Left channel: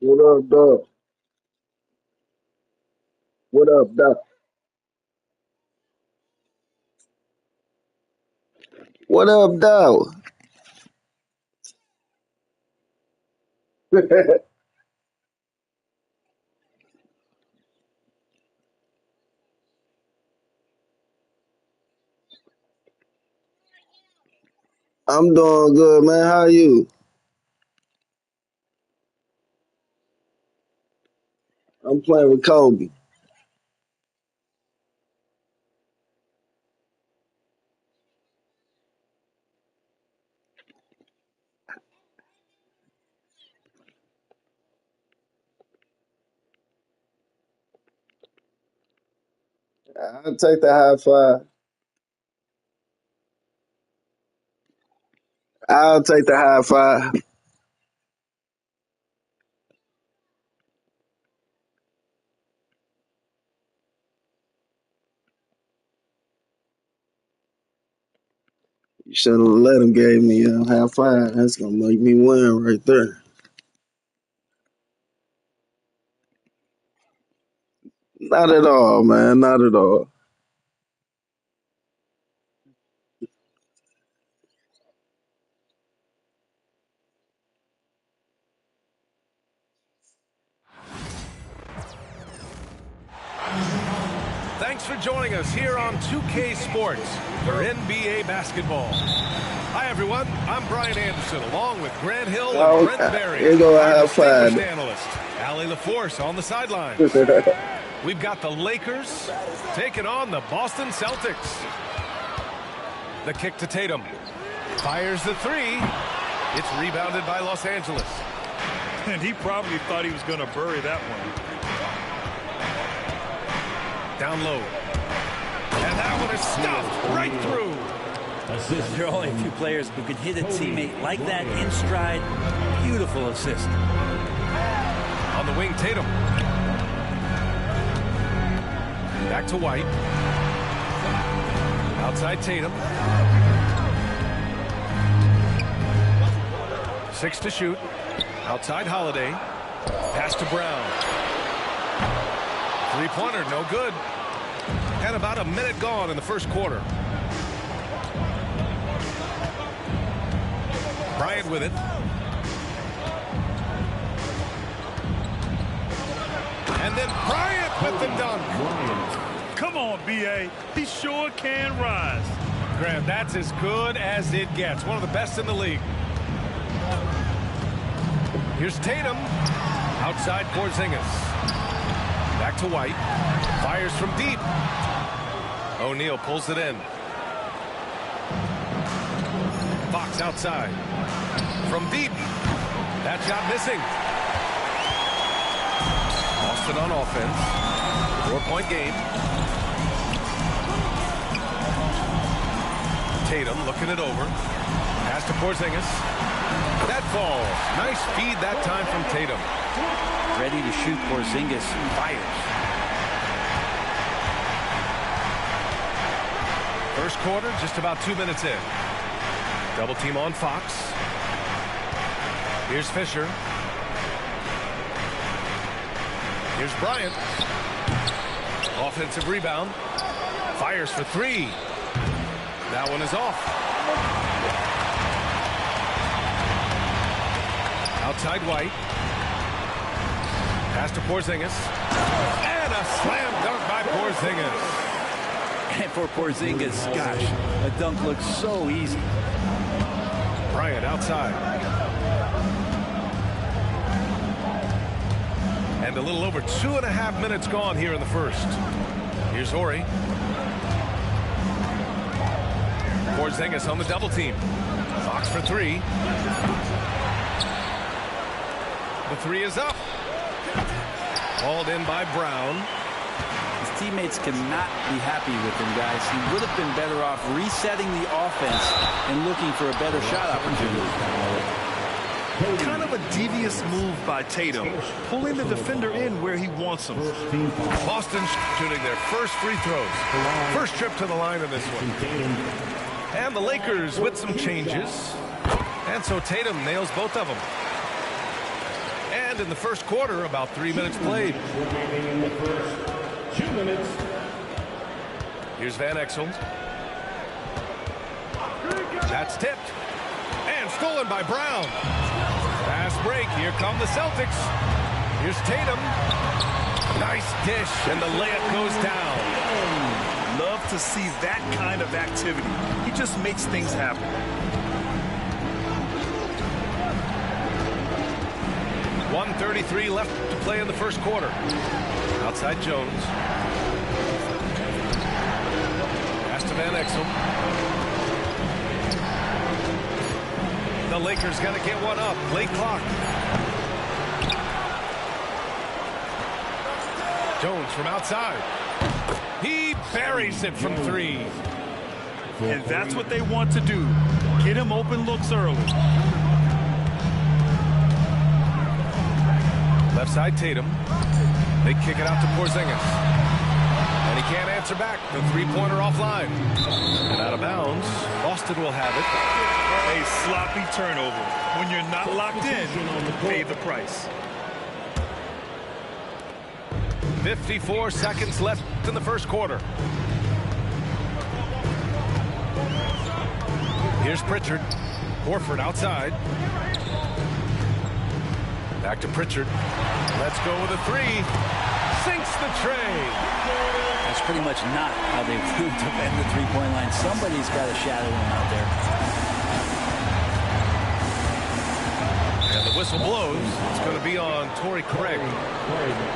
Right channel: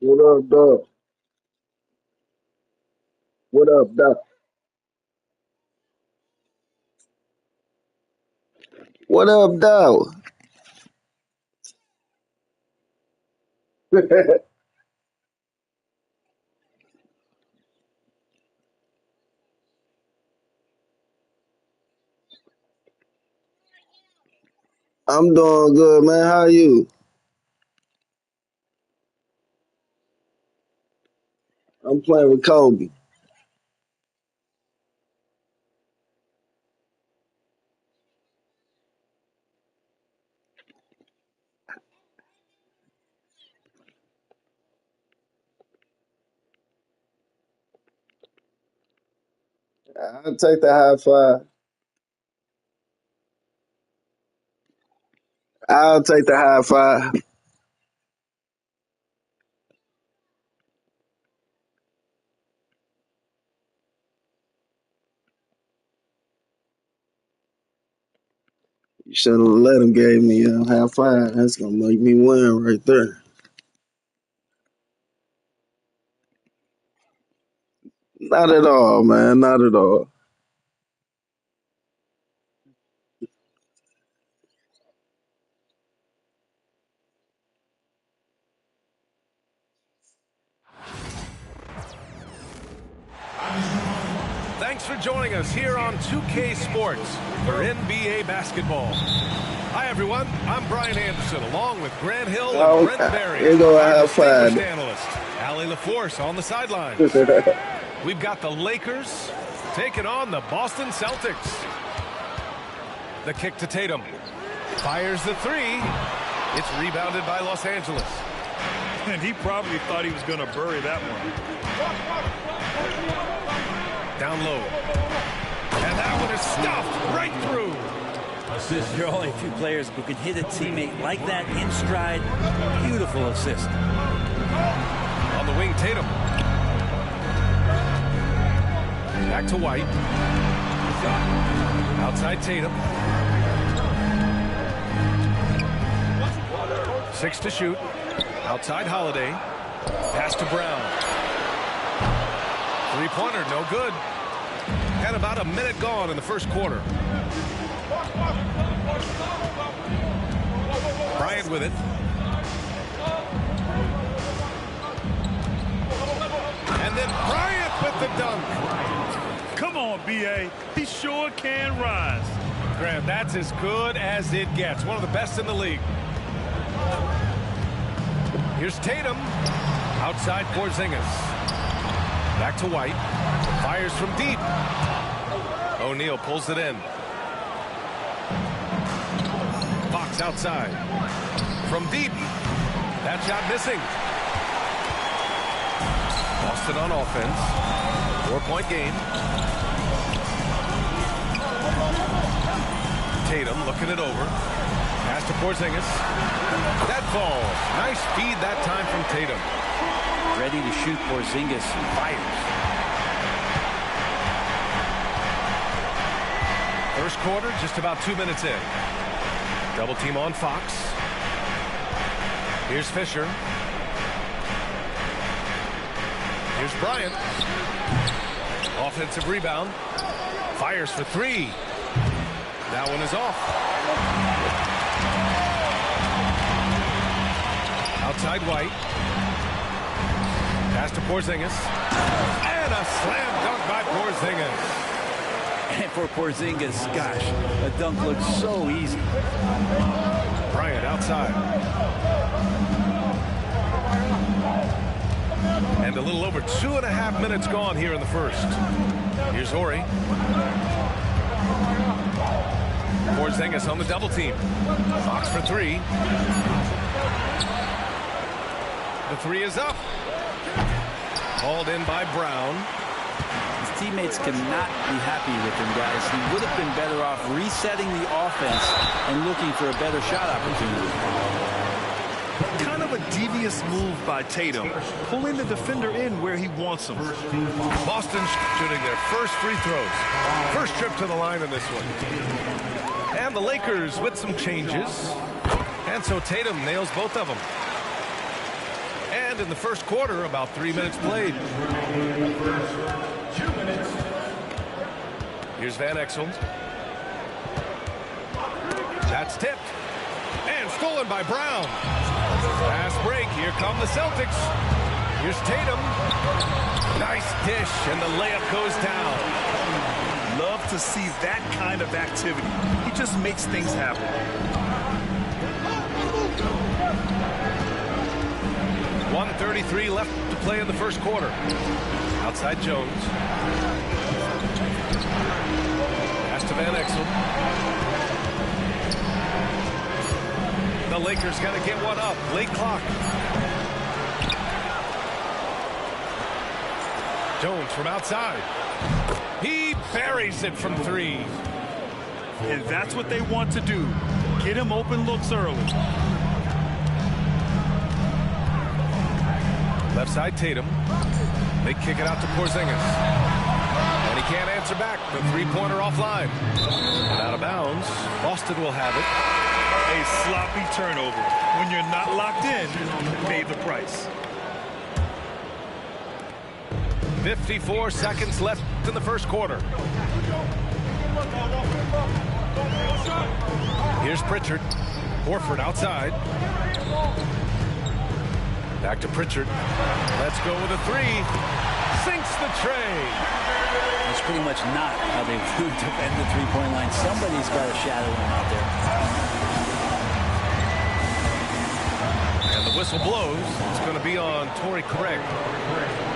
What up, Doc? What up, Doc? What up, Doc? I'm doing good, man. How you? I'm playing with Kobe. I'll take the high five. I'll take the high five. You should have let him give me a high five. That's gonna make me win right there. Not at all, man. Not at all. Thanks for joining us here on 2K Sports for NBA basketball. Hi, everyone. I'm Brian Anderson, along with Grant Hill and Brent Barry, Here go a our high distinguished five. analyst, Allie LaForce, on the sidelines. We've got the Lakers taking on the Boston Celtics. The kick to Tatum. Fires the three. It's rebounded by Los Angeles. And he probably thought he was going to bury that one. Down low. And that one is stuffed right through. There are only a few players who can hit a teammate like that in stride. Beautiful assist. On the wing, Tatum. Back to White. Outside Tatum. 6 to shoot. Outside Holiday. Pass to Brown. Three-pointer, no good. And about a minute gone in the first quarter. Bryant with it. And then Bryant with the dunk. Come on, B.A. He sure can rise. Graham, that's as good as it gets. One of the best in the league. Here's Tatum. Outside Porzingis. Back to White. Fires from deep. O'Neal pulls it in. Fox outside. From deep. That shot missing. Boston on offense. 4-point game. Tatum looking it over. Pass to Porzingis. That falls. Nice feed that time from Tatum. Ready to shoot. Porzingis fires. First quarter, just about 2 minutes in. Double team on Fox. Here's Fisher. Here's Bryant. Offensive rebound. Fires for three. That one is off. Outside White. Pass to Porzingis. And a slam dunk by Porzingis. And for Porzingis, gosh, a dunk looks so easy. Bryant outside. And a little over 2.5 minutes gone here in the first. Here's Horry. Porzingis on the double team. Fox for three. The three is up. Hauled in by Brown. His teammates cannot be happy with him, guys. He would have been better off resetting the offense and looking for a better shot opportunity. Kind of a devious move by Tatum, pulling the defender in where he wants him. Boston shooting their first free throws. First trip to the line in this one. And the Lakers with some changes. And so Tatum nails both of them. And in the first quarter, about 3 minutes played. Remaining in the first 2 minutes. Here's Van Exel. That's tipped. And stolen by Brown. Fast break. Here come the Celtics. Here's Tatum. Nice dish, and the layup goes down. Love to see that kind of activity. He just makes things happen. .133 left to play in the first quarter. Outside Jones. Pass to Van Exel. The Lakers got to get one up. Late clock. Jones from outside. He buries it from 3. And that's what they want to do. Get him open looks early. Left side Tatum. They kick it out to Porzingis. And he can't answer back. The three-pointer offline. And out of bounds. Boston will have it. A sloppy turnover. When you're not locked in, pay the price. 54 seconds left in the first quarter. Here's Pritchard. Horford outside. Back to Pritchard. Let's go with a 3. Sinks the tray. That's pretty much not how they would defend the three-point line. Somebody's got to shadow him out there. And the whistle blows. It's going to be on Torrey Craig.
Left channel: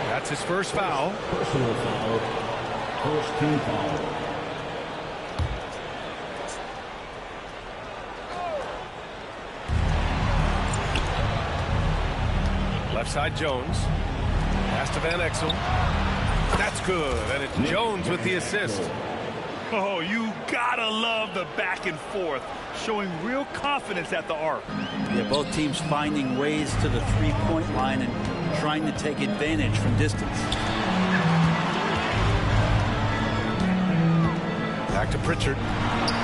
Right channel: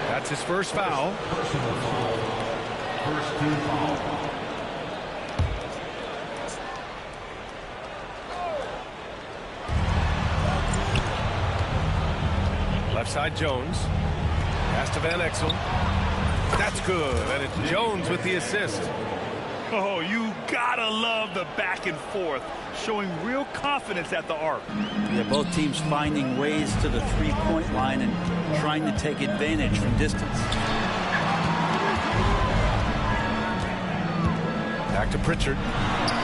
That's his first foul. Personal foul. First team foul. Left side Jones. Pass to Van Exel. That's good. And it's Jones with the assist. Oh, you gotta love the back and forth. Showing real confidence at the arc. Yeah, both teams finding ways to the three-point line and trying to take advantage from distance. Back to Pritchard.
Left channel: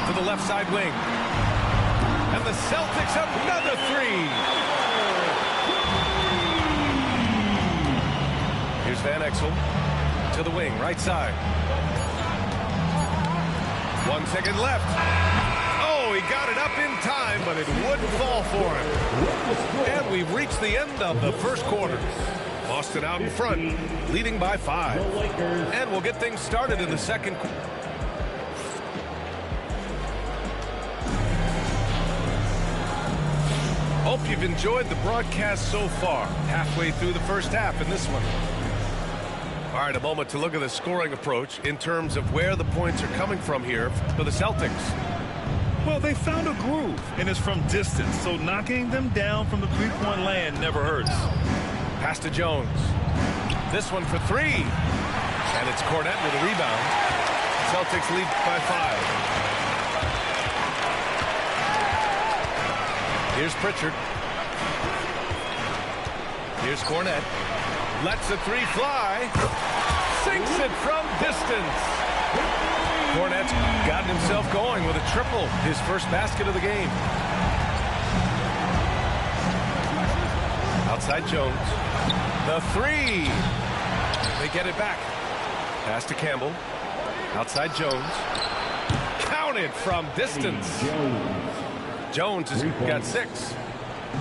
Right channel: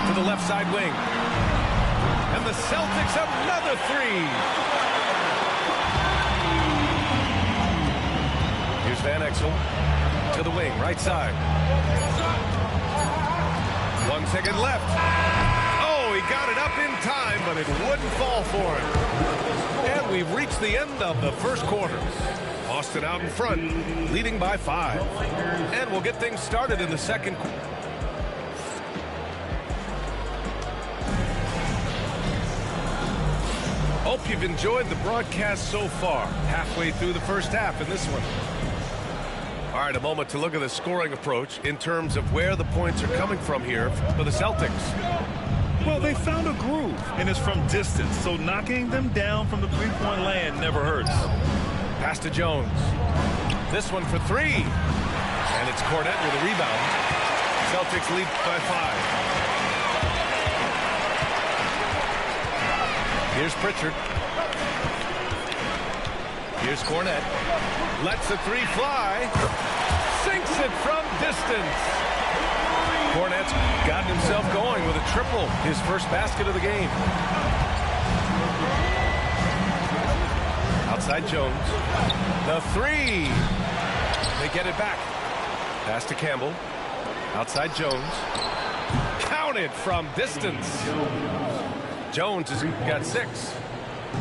To the left side wing. And the Celtics another 3. Here's Van Exel. To the wing, right side. 1 second left. Oh, he got it up in time, but it wouldn't fall for him. And we've reached the end of the first quarter. Boston out in front, leading by 5. And we'll get things started in the second quarter. Hope you've enjoyed the broadcast so far. Halfway through the first half in this one. All right, a moment to look at the scoring approach in terms of where the points are coming from here for the Celtics. Well, they found a groove, and it's from distance, so knocking them down from the three-point land never hurts. Pass to Jones. This one for 3. And it's Cornette with a rebound. Celtics lead by 5. Here's Pritchard. Here's Cornette. Lets the 3 fly. Sinks it from distance. Cornette's gotten himself going with a triple. His first basket of the game. Outside Jones. The 3. They get it back. Pass to Campbell. Outside Jones. Counted from distance. Jones has got 6.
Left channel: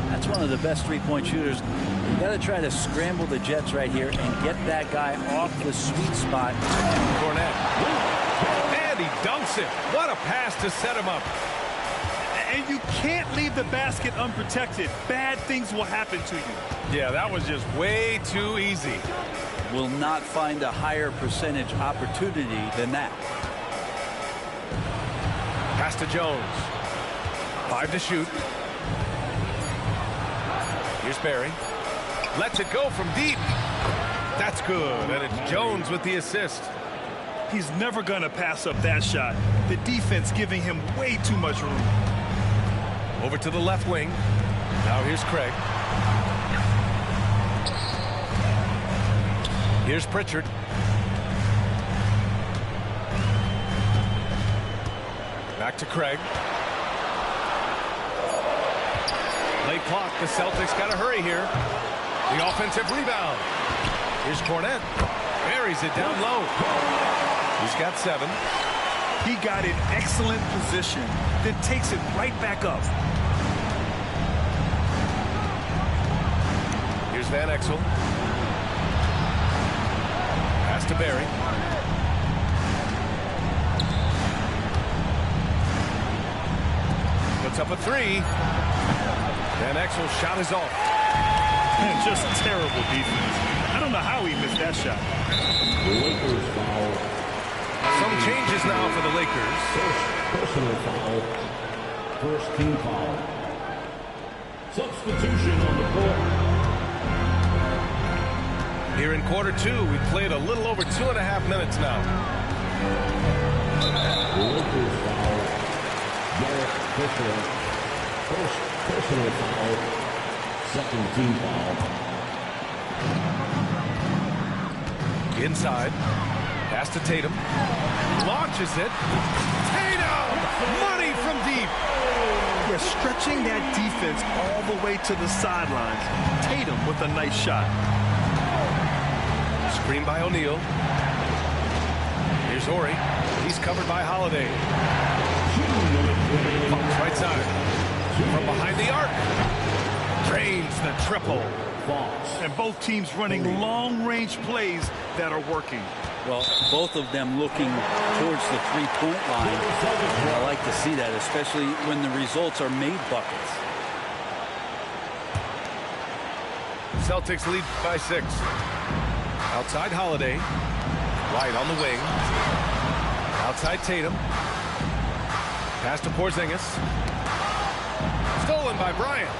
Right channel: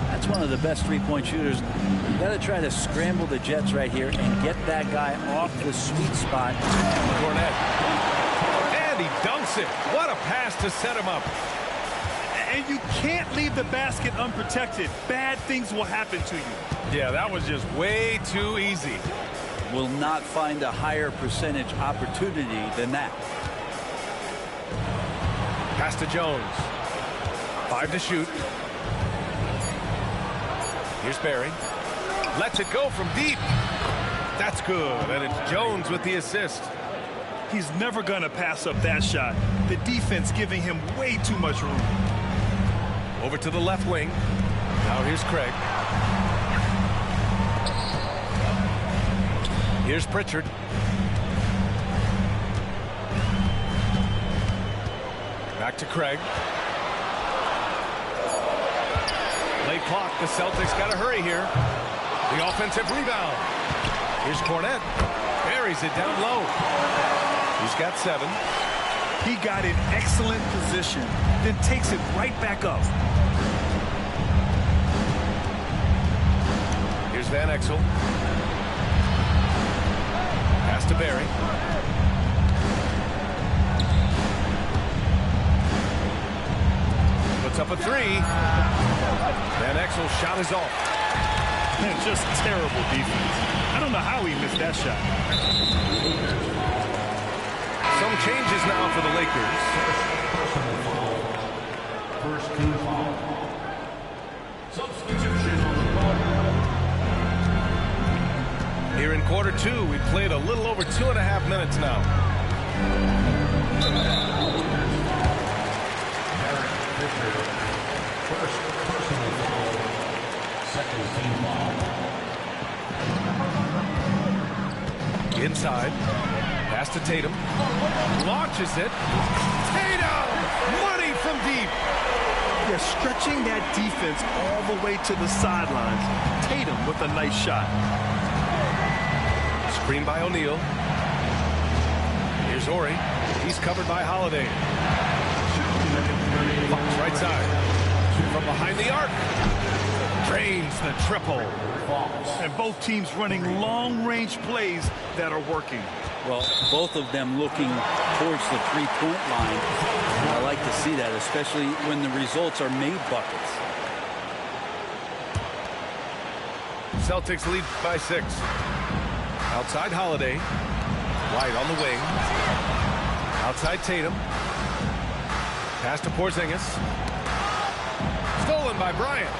That's one of the best three-point shooters. You got to try to scramble the Jets right here and get that guy off the sweet spot. Cornette. And he dunks it. What a pass to set him up. And you can't leave the basket unprotected. Bad things will happen to you. Yeah, that was just way too easy. Will not find a higher percentage opportunity than that. Pass to Jones. 5 to shoot. Here's Barry. Lets it go from deep. That's good. And it's Jones with the assist. He's never going to pass up that shot. The defense giving him way too much room. Over to the left wing. Now here's Craig. Here's Pritchard. Back to Craig. Late clock. The Celtics got to hurry here. The offensive rebound. Here's Cornette. Buries it down low. He's got 7. He got in excellent position, then takes it right back up. Here's Van Exel. Pass to Barry. Puts up a 3. Van Exel's shot is off. Just terrible defense. I don't know how he missed that shot. Some changes now for the Lakers. Personal foul. First team foul. Substitution on the court. Here in quarter 2, we played a little over 2.5 minutes now. Derek Fisher. First personal foul. Second team foul. Inside. Pass to Tatum. Launches it. Tatum! Money from deep. Yeah, stretching that defense all the way to the sidelines. Tatum with a nice shot. Screen by O'Neal. Here's Ori. He's covered by Holiday. Fox right side. From behind the arc. Drains the triple. And both teams running long-range plays that are working. Well, both of them looking towards the three-point line. And I like to see that, especially when the results are made buckets. Celtics lead by 6. Outside Holiday. White on the wing. Outside Tatum. Pass to Porzingis. Stolen by Bryant.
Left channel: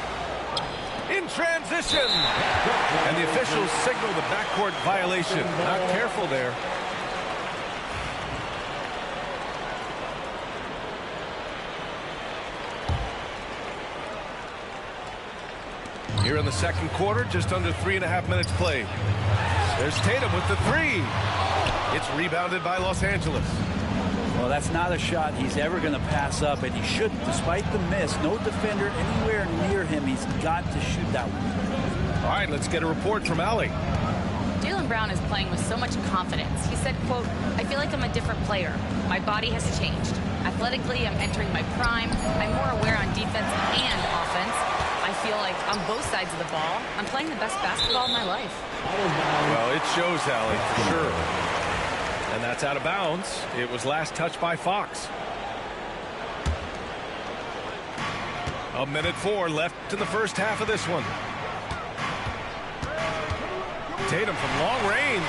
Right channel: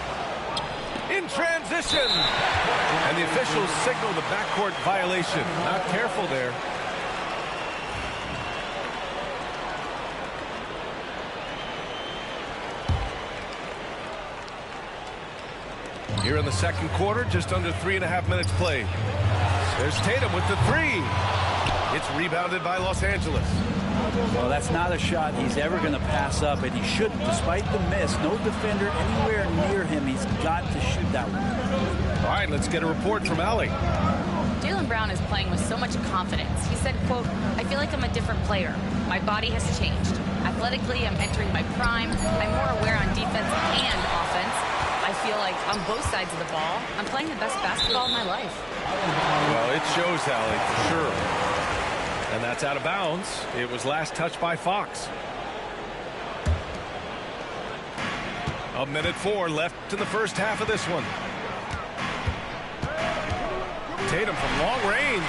In transition. And the officials signal the backcourt violation. Not careful there. Here in the second quarter, just under 3.5 minutes played. There's Tatum with the 3. It's rebounded by Los Angeles. Well, that's not a shot he's ever going to pass up, and he shouldn't. Despite the miss, no defender anywhere near him. He's got to shoot that one. All right, let's get a report from Allie. Jaylen Brown is playing with so much confidence. He said, quote, "I feel like I'm a different player. My body has changed. Athletically, I'm entering my prime. I'm more aware on defense and offense. I feel like on both sides of the ball, I'm playing the best basketball of my life." Well, it shows, Allie, for sure. And that's out of bounds. It was last touched by Fox. 1:04 left in the first half of this one. Tatum from long range.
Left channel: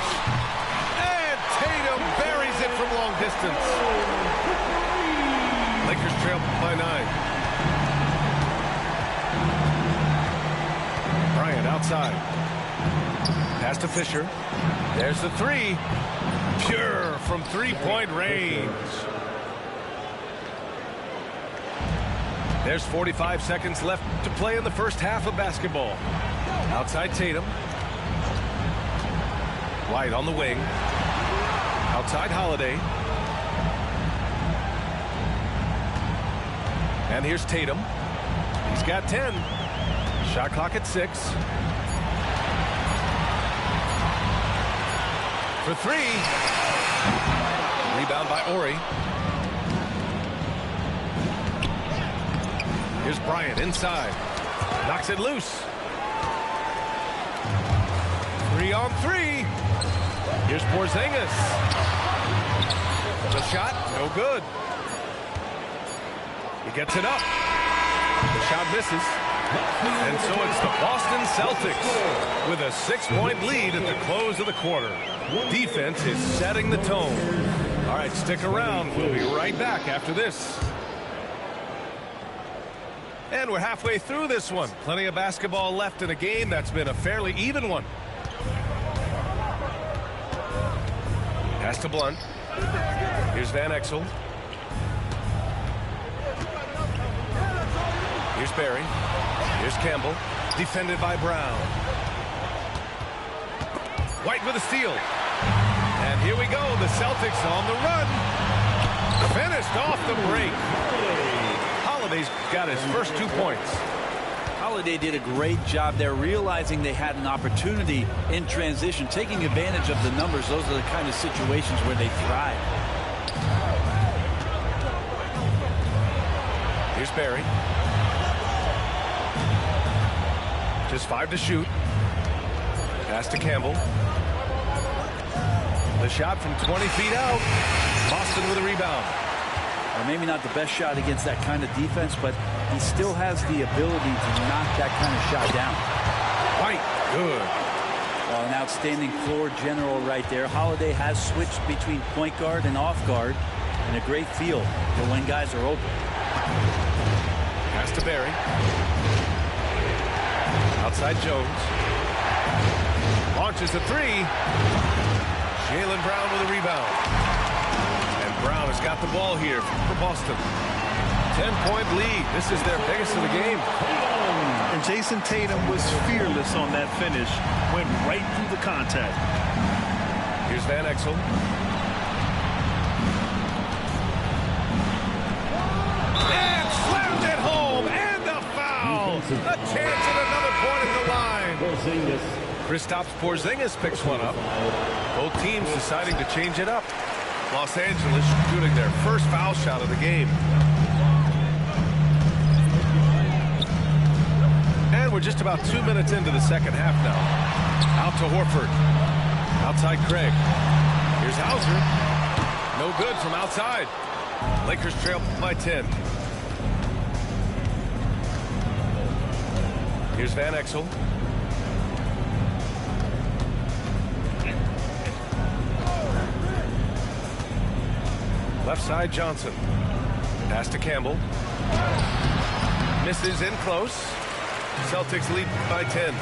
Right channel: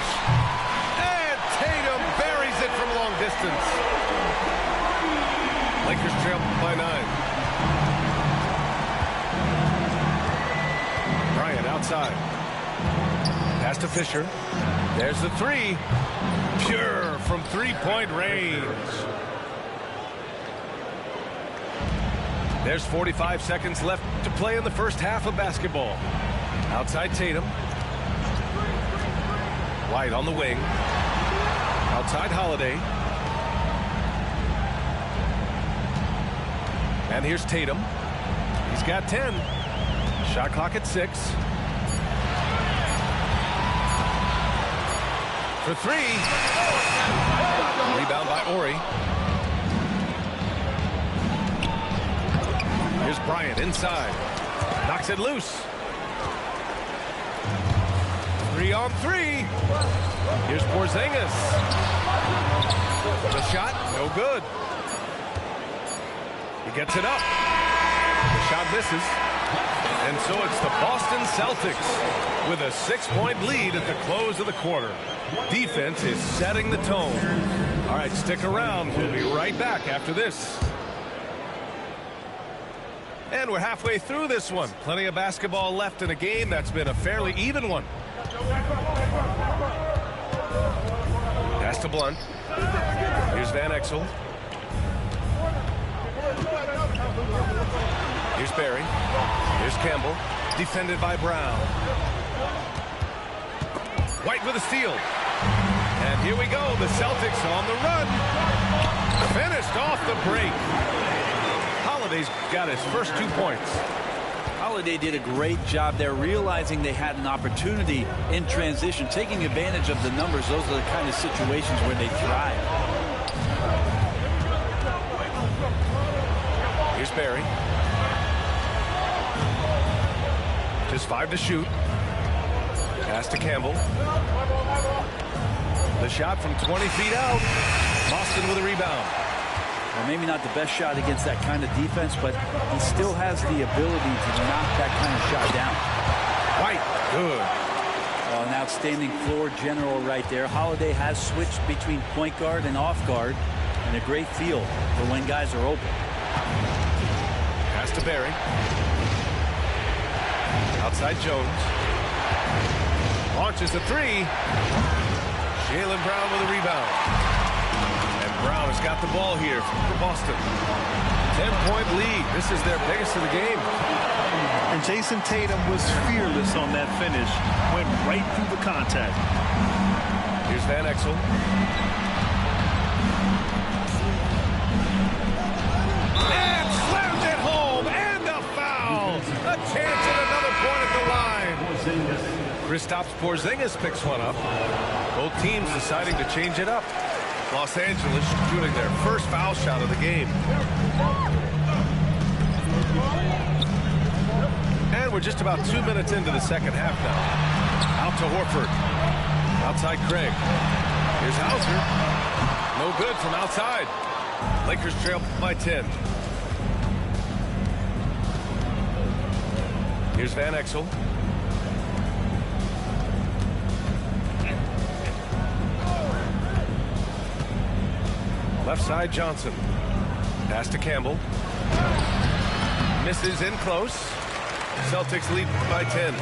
And Tatum buries it from long distance. Lakers trail by 9. Bryant outside. Pass to Fisher. There's the 3. Pure from three-point range. There's 45 seconds left to play in the first half of basketball. Outside Tatum. White on the wing. Outside Holiday. And here's Tatum. He's got 10. Shot clock at 6. For 3. Rebound by Ori. Here's Bryant inside. Knocks it loose. 3 on 3. Here's Porzingis. The shot, no good. He gets it up. The shot misses. And so it's the Boston Celtics with a 6-point lead at the close of the quarter. Defense is setting the tone. All right, stick around. We'll be right back after this. And we're halfway through this one. Plenty of basketball left in a game that's been a fairly even one. Pass to Blunt. Here's Van Exel. Here's Barry. Here's Campbell. Defended by Brown. White with a steal. And here we go. The Celtics on the run. Finished off the break. Holiday's got his first 2 points. Holiday did a great job there, realizing they had an opportunity in transition, taking advantage of the numbers. Those are the kind of situations where they thrive. Here's Barry. Just 5 to shoot. Pass to Campbell. The shot from 20 feet out. Boston with a rebound. Well, maybe not the best shot against that kind of defense, but he still has the ability to knock that kind of shot down. White, good. Well, an outstanding floor general right there. Holiday has switched between point guard and off guard, and a great feel for when guys are open. Pass to Barry. Outside Jones. Launches a 3. Jaylen Brown with a rebound. And Brown has got the ball here for Boston. 10-point lead. This is their biggest of the game. And Jason Tatum was fearless on that finish. Went right through the contact. Here's Van Exel. And slams it home. And a foul. A chance at another point at the line. Kristaps Porzingis picks one up. Both teams deciding to change it up. Los Angeles shooting their first foul shot of the game. And we're just about 2 minutes into the second half now. Out to Horford. Outside Craig. Here's Hauser. No good from outside. Lakers trail by 10. Here's Van Exel. Left side Johnson. Pass to Campbell. Misses in close. Celtics lead by 10.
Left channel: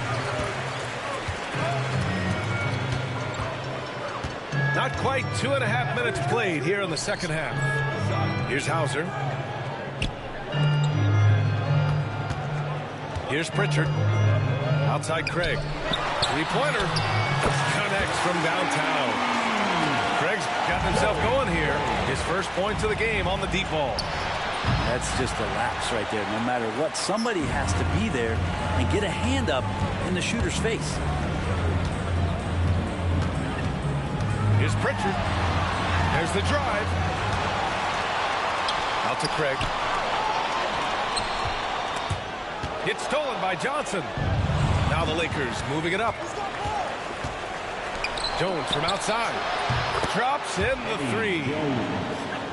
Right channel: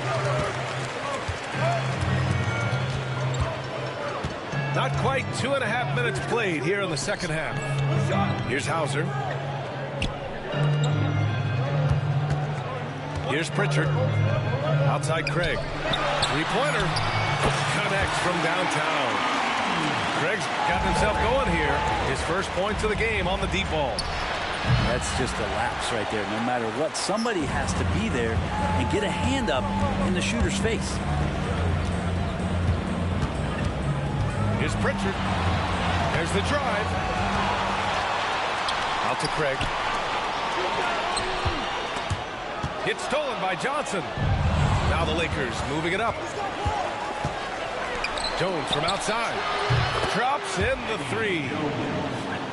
Not quite 2.5 minutes played here in the second half. Here's Hauser. Here's Pritchard. Outside Craig. Three-pointer. Connects from downtown. Craig's got himself going here. His first points of the game on the deep ball. That's just a lapse right there. No matter what, somebody has to be there and get a hand up in the shooter's face. Here's Pritchard. There's the drive. Out to Craig. It's stolen by Johnson. Now the Lakers moving it up. Jones from outside. Drops in the 3.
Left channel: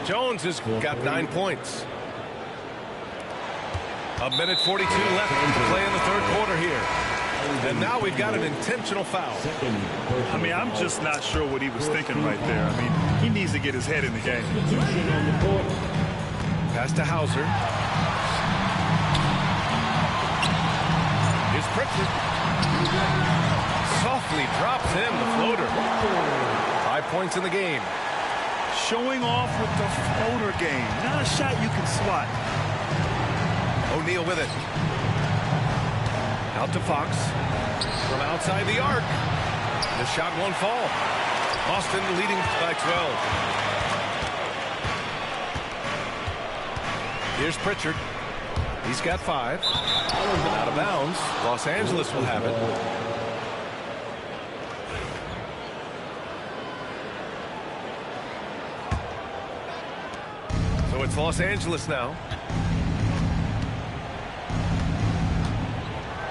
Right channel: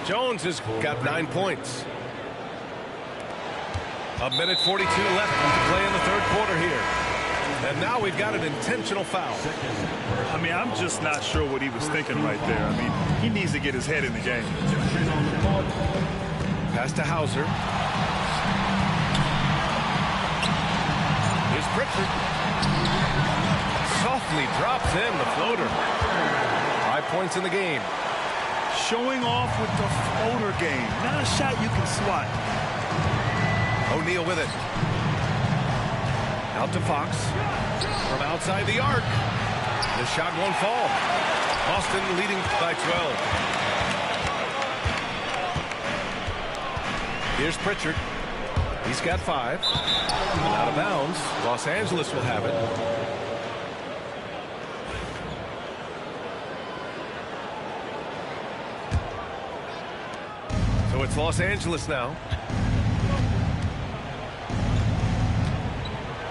Jones has got 9 points. 1:42 left to play in the third quarter here. And now we've got an intentional foul. I mean, I'm just not sure what he was thinking right there. I mean, he needs to get his head in the game. Pass to Hauser. Here's Pritchard. Softly drops in the floater. 5 points in the game. Showing off with the floater game. Not a shot you can swat. O'Neal with it. Out to Fox. From outside the arc. The shot won't fall. Boston leading by 12. Here's Pritchard. He's got 5. And out of bounds. Los Angeles will have it. So it's Los Angeles now.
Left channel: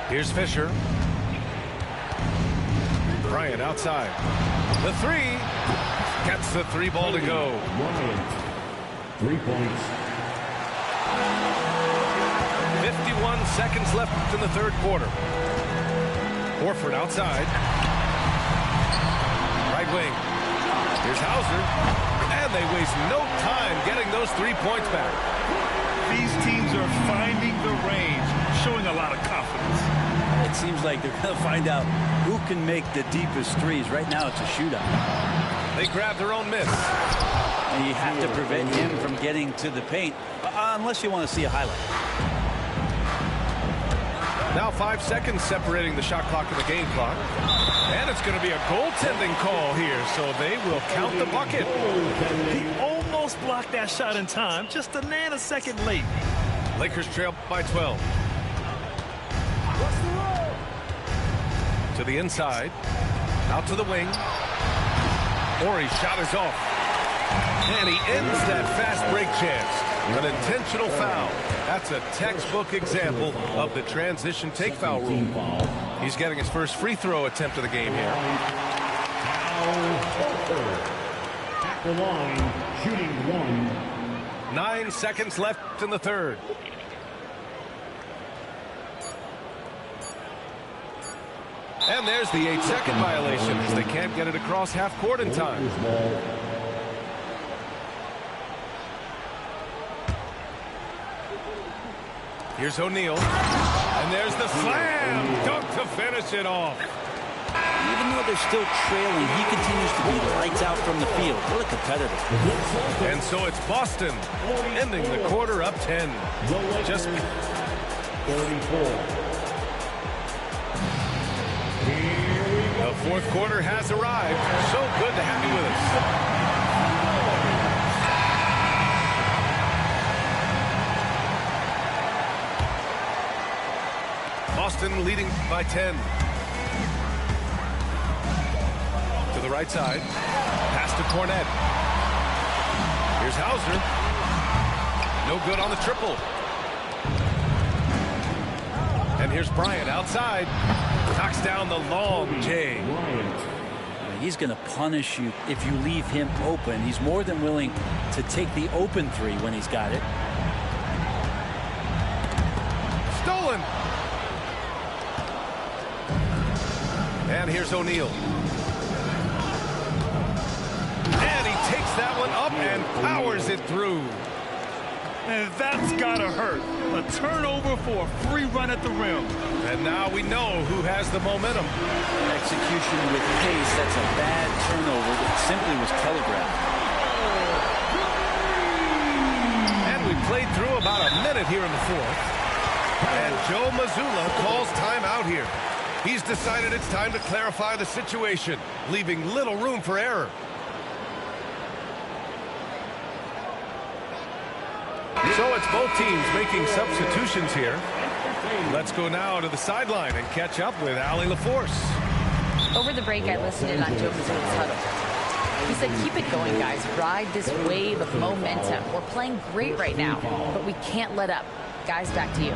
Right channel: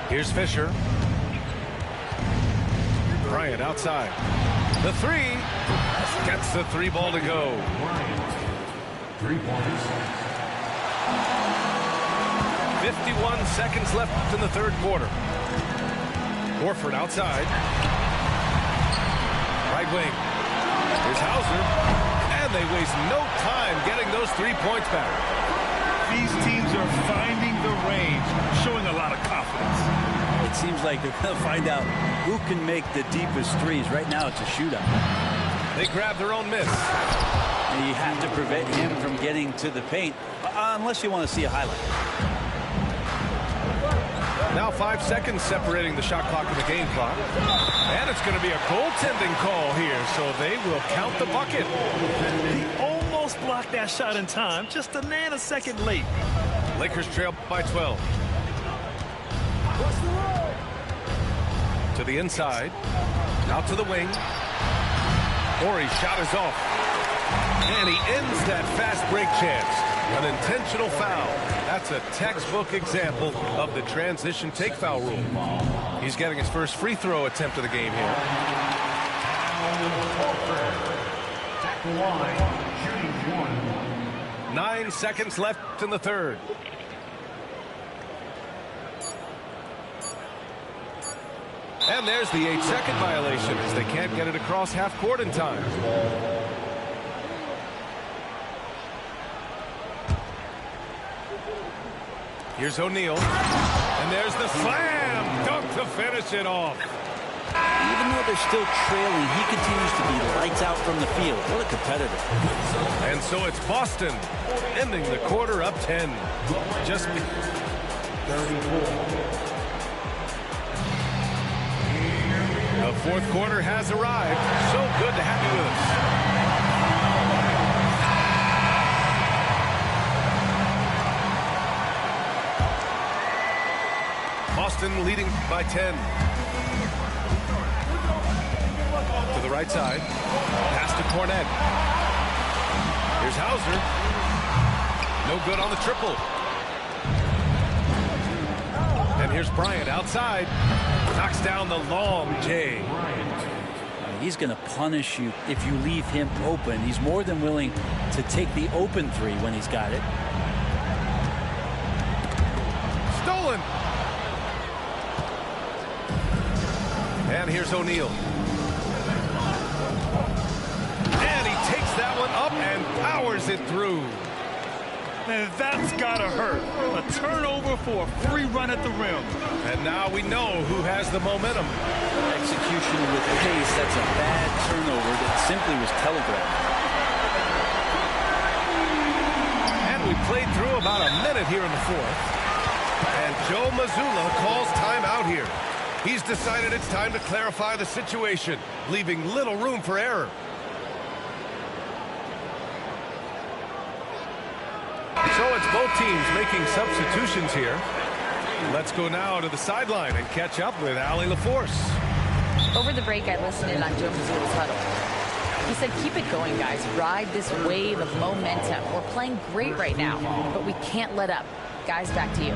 Here's Fisher. Bryant outside. The 3. Gets the 3 ball to go. 3 points. 51 seconds left in the third quarter. Horford outside. Right wing. Here's Hauser. And they waste no time getting those 3 points back. These teams are finding the range, showing a lot of confidence. It seems like they're going to find out who can make the deepest threes. Right now, it's a shootout. They grab their own miss. And you have to prevent him from getting to the paint, unless you want to see a highlight. Now 5 seconds separating the shot clock and the game clock. And it's going to be a goaltending call here, so they will count the bucket. He almost blocked that shot in time, just a nanosecond late. Lakers trail by 12. To the inside. Out to the wing. Horry's shot is off. And he ends that fast break chance. An intentional foul. That's a textbook example of the transition take foul rule. He's getting his first free throw attempt of the game here. At the line, shooting 1. 9 seconds left in the third. And there's the 8-second violation as they can't get it across half court in time. Here's O'Neal. And there's the slam dunk to finish it off. Even though they're still trailing, he continues to be lights out from the field. What a competitor. And so it's Boston ending the quarter up 10. Just 34. the fourth quarter has arrived. So good to have you with us. Boston leading by 10. To the right side. Pass to Cornette. Here's Hauser. No good on the triple. And here's Bryant outside. Knocks down the long J. He's going to punish you if you leave him open. He's more than willing to take the open three when he's got it. Stolen. And here's O'Neal. And he takes that one up and powers it through. And that's gotta hurt. A turnover for a free run at the rim. And now we know who has the momentum. Execution with pace. That's a bad turnover that simply was telegraphed. And we played through about a minute here in the fourth. And Joe Mazzulla calls timeout here. He's decided it's time to clarify the situation, leaving little room for error. So it's both teams making substitutions here. Let's go now to the sideline and catch up with Allie LaForce. Over the break, I listened in on Joe Mazzulla's huddle. He said, keep it going, guys. Ride this wave of momentum. We're playing great right now, but we can't let up. Guys, back to you.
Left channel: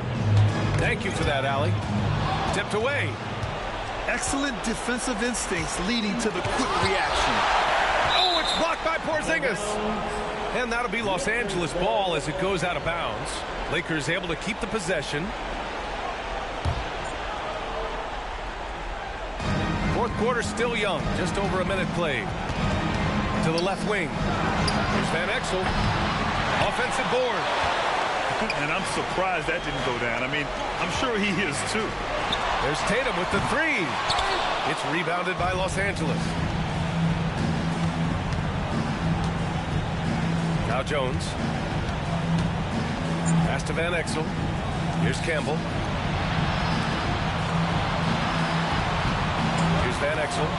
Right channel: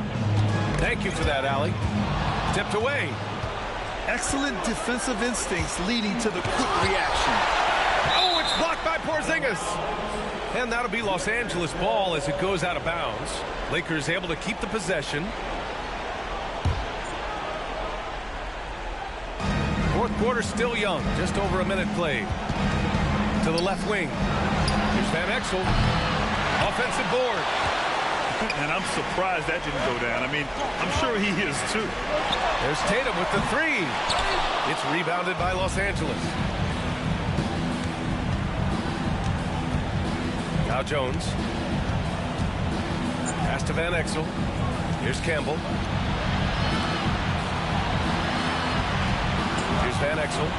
Thank you for that, Allie. Tipped away. Excellent defensive instincts leading to the quick reaction. Oh, it's blocked by Porzingis. And that'll be Los Angeles ball as it goes out of bounds. Lakers able to keep the possession. Fourth quarter still young. Just over a minute played. To the left wing. Here's Van Exel. Offensive board. And I'm surprised that didn't go down. I mean, I'm sure he is too. There's Tatum with the three. It's rebounded by Los Angeles. Now Jones. Pass to Van Exel. Here's Campbell. Here's Van Exel.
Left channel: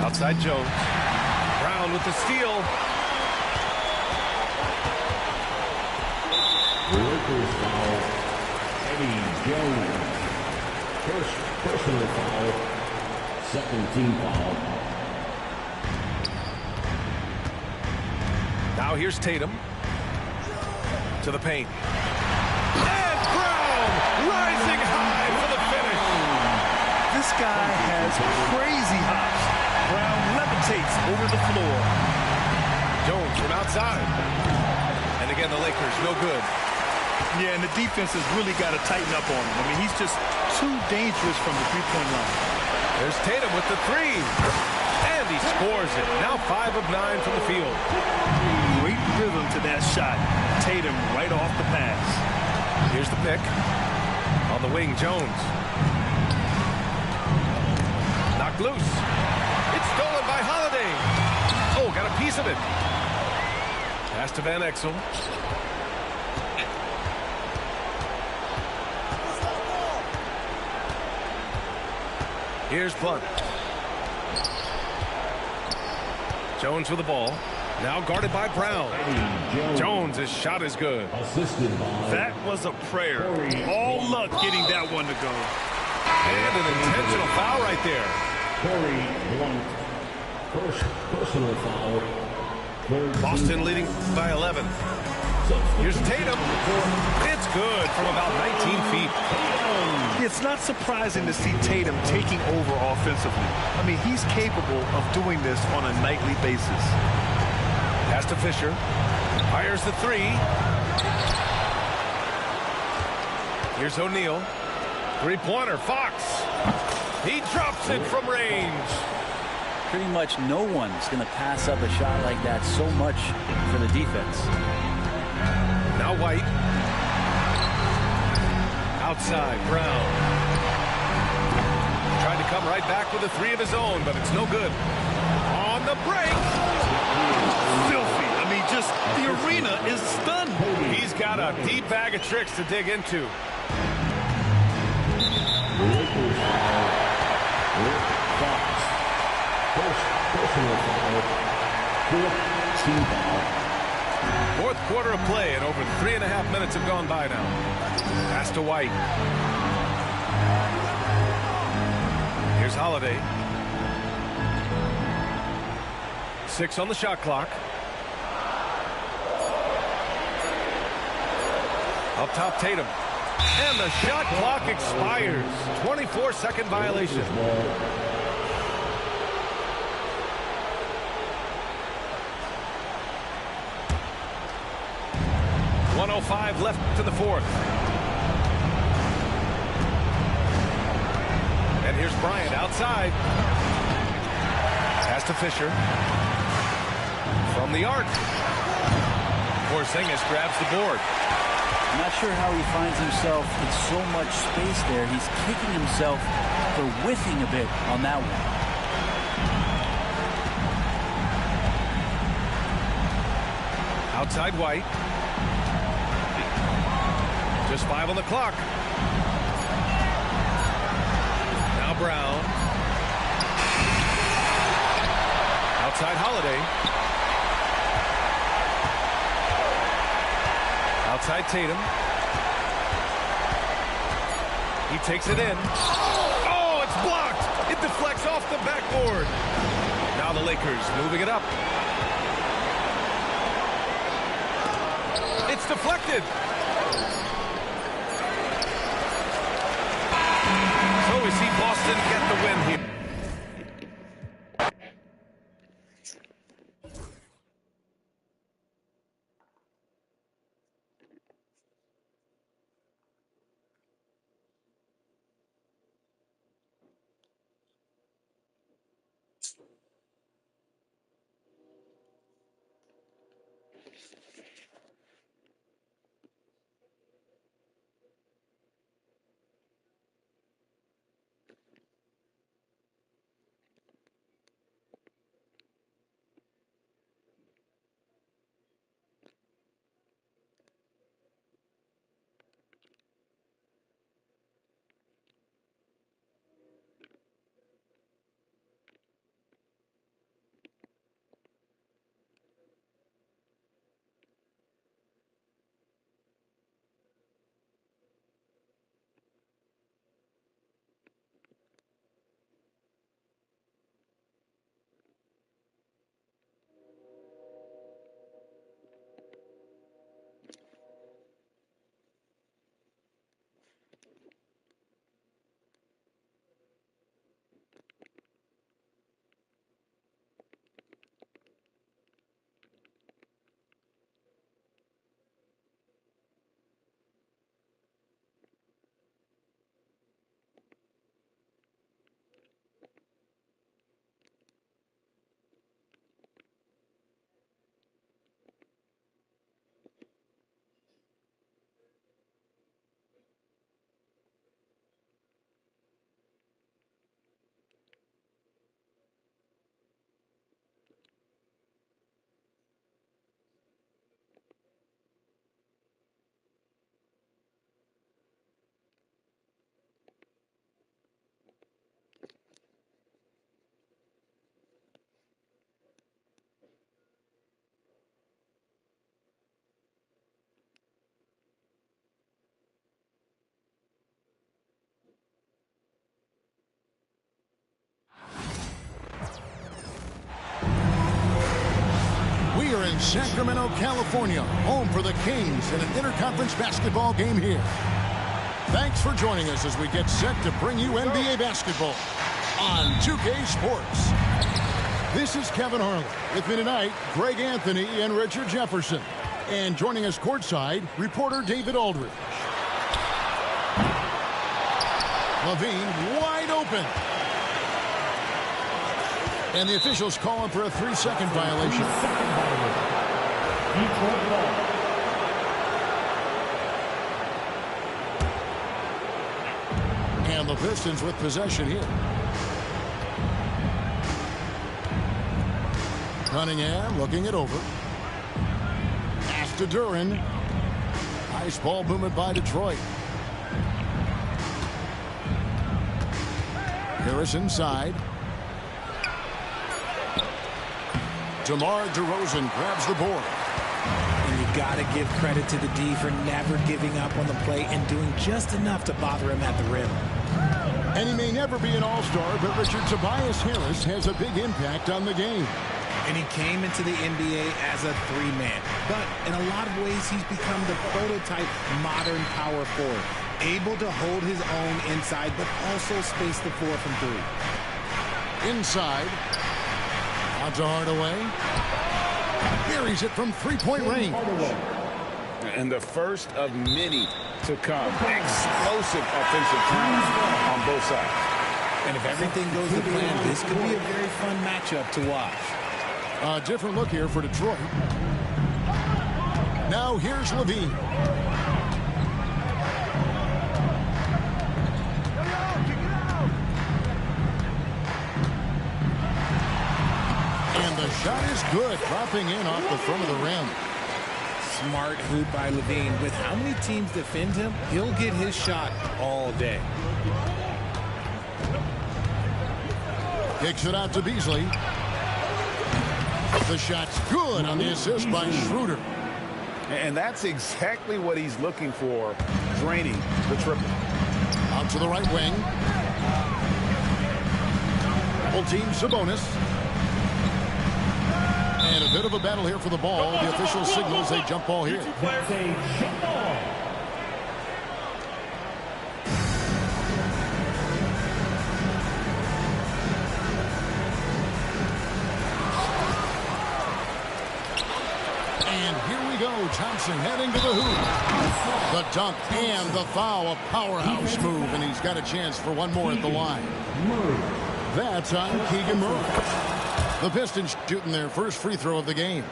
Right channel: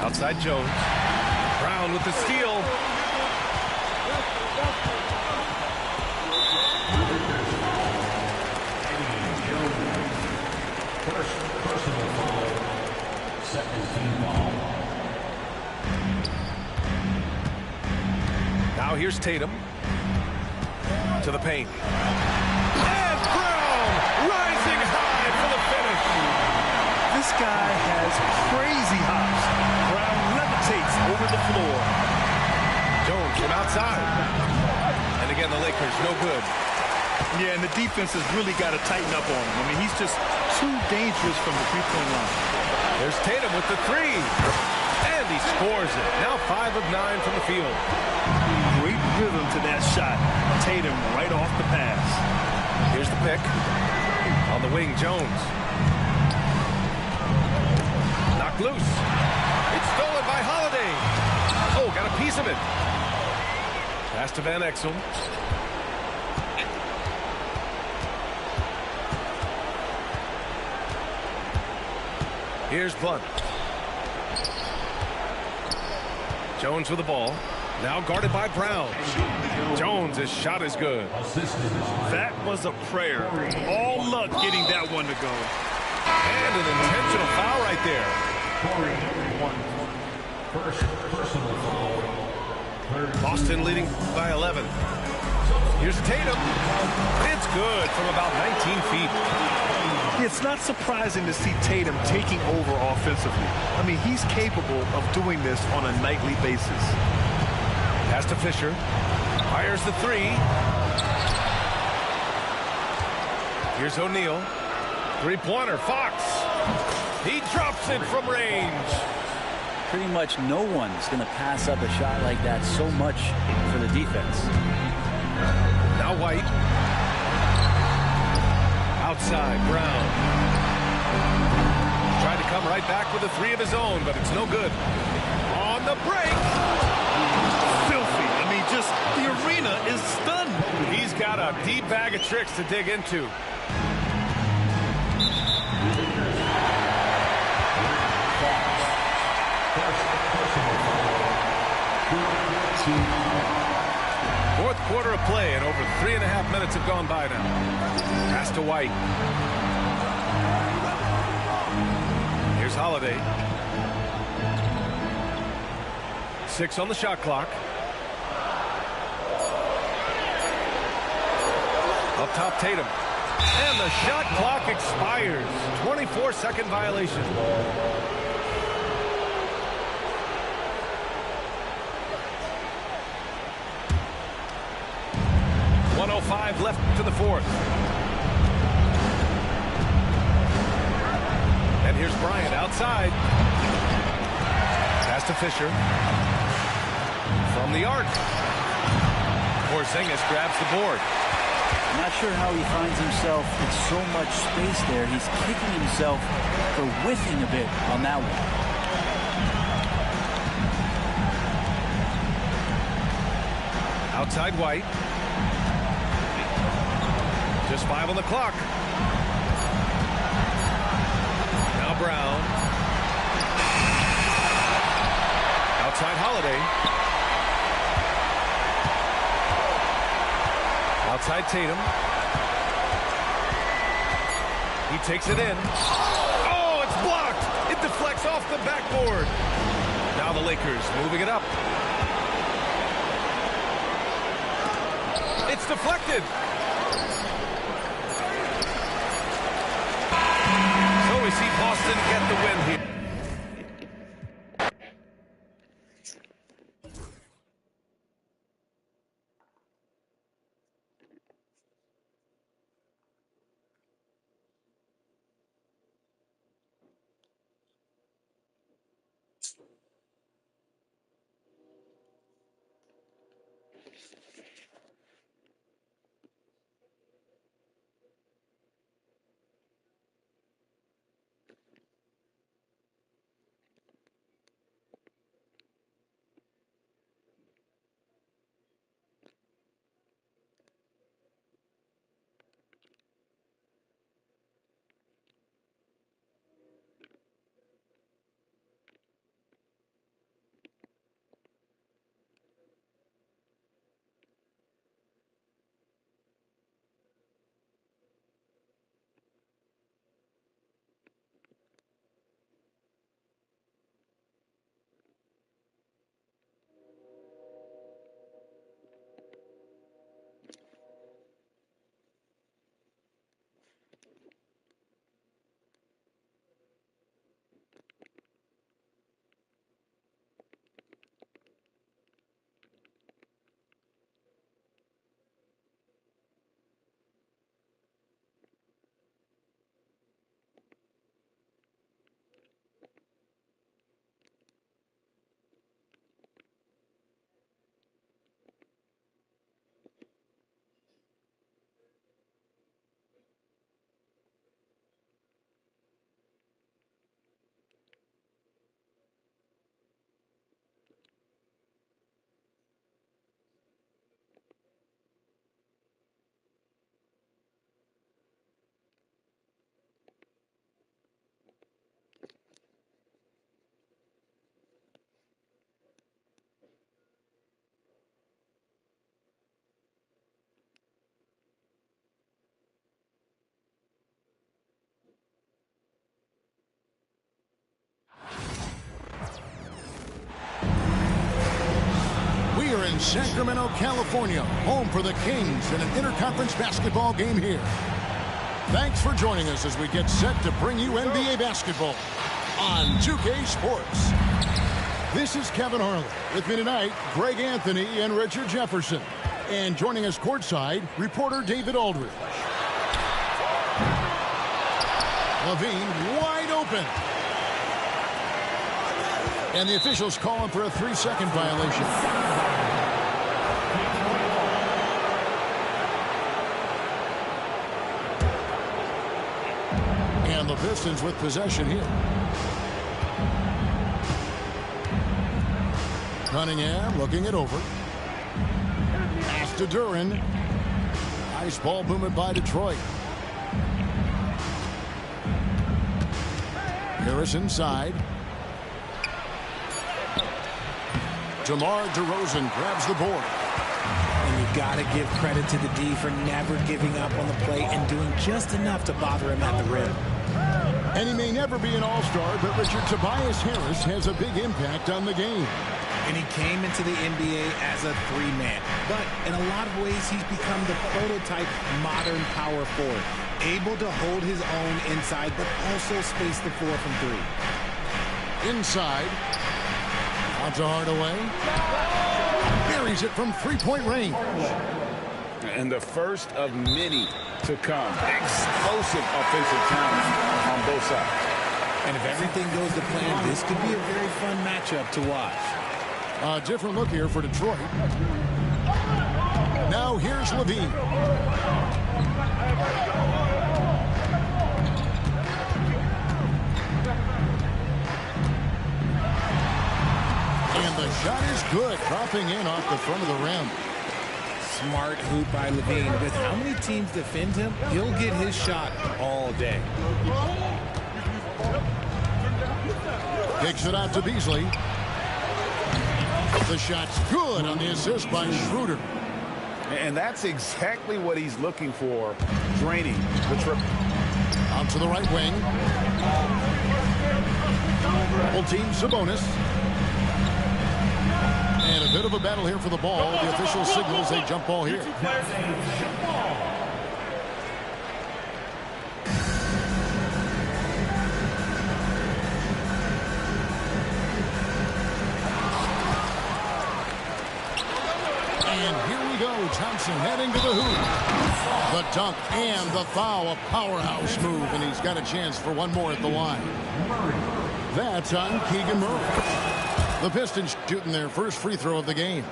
Outside Jones. Brown with the steal. Lakers foul. Eddie Jones. First personal foul. Second team foul. Now here's Tatum. To the paint. And Brown rising high for the finish. This guy has crazy hops. Brown levitates over the floor. Jones from outside. And again, the Lakers no good. Yeah, and the defense has really got to tighten up on him. I mean, he's just too dangerous from the three-point line. There's Tatum with the three. And he scores it. Now 5 of 9 from the field. Great rhythm to that shot. Tatum right off the pass. Here's the pick. On the wing, Jones. Knocked loose. It's stolen by Holiday. Oh, got a piece of it. Pass to Van Exel. Here's Blunt. Jones with the ball. Now guarded by Brown. Jones' shot is good. Assisted by That was a prayer. All luck getting that one to go. And an intentional foul right there. Corey Blunt. First personal foul. Third Boston leading by 11. Here's Tatum. It's good from about 19 feet. It's not surprising to see Tatum taking over offensively. I mean, he's capable of doing this on a nightly basis. Pass to Fisher. Fires the three. Here's O'Neal. Three-pointer, Fox. He drops it from range. Pretty much no one's going to pass up a shot like that so much for the defense. Now White. Outside, Brown. Tried to come right back with a three of his own, but it's no good. On the break. Filthy. I mean, just the arena is stunned. He's got a deep bag of tricks to dig into. Lakers foul. Rick Fox. First personal foul. Fourth team foul. Fourth quarter of play, and over 3.5 minutes have gone by now. Pass to White. Here's Holiday. 6 on the shot clock. Up top, Tatum. And the shot clock expires. 24-second violation. 1:05 left to the fourth. And here's Bryant outside. Pass to Fisher. From the arc. Porzingis grabs the board. I'm not sure how he finds himself in so much space there. He's kicking himself for whiffing a bit on that one. Outside White. Just 5 on the clock. Now Brown. Outside Holiday. Outside Tatum. He takes it in. Oh, it's blocked. It deflects off the backboard. Now the Lakers moving it up. It's deflected. So we see Boston get the win here. We're in Sacramento, California, home for the Kings in an interconference basketball game here. Thanks for joining us as we get set to bring you NBA basketball on 2K Sports. This is Kevin Harlan. With me tonight, Greg Anthony and Richard Jefferson. And joining us courtside, reporter David Aldridge. LaVine wide open. And the officials calling for a 3-second violation. And the Pistons with possession here. Cunningham looking it over. Pass to Duren. Nice ball movement by Detroit. Harris inside. DeMar DeRozan grabs the board. And you got to give credit to the D for never giving up on the play and doing just enough to bother him at the rim. And he may never be an all-star, but Richard, Tobias Harris has a big impact on the game. And he came into the NBA as a three-man. But in a lot of ways, he's become the prototype modern power forward. Able to hold his own inside, but also space the floor from three. Inside. Out to Hardaway. Buries it from three-point range. And the first of many to come. Explosive offensive talent on both sides. And if everything goes to plan, this could be a very fun matchup to watch. A different look here for Detroit. Now here's LaVine. And the shot is good, dropping in off the front of the rim. Smart hoop by LaVine. With how many teams defend him, he'll get his shot all day. Kicks it out to Beasley. The shot's good on the assist by Schroeder. And that's exactly what he's looking for, draining the triple. Out to the right wing. Full team Sabonis. And a bit of a battle here for the ball. The official signals a jump ball here. And here we go. Thompson heading to the hoop. The dunk and the foul. A powerhouse move. And he's got a chance for one more at the line. That's on Keegan Murray. The Pistons shooting their first free throw of the game.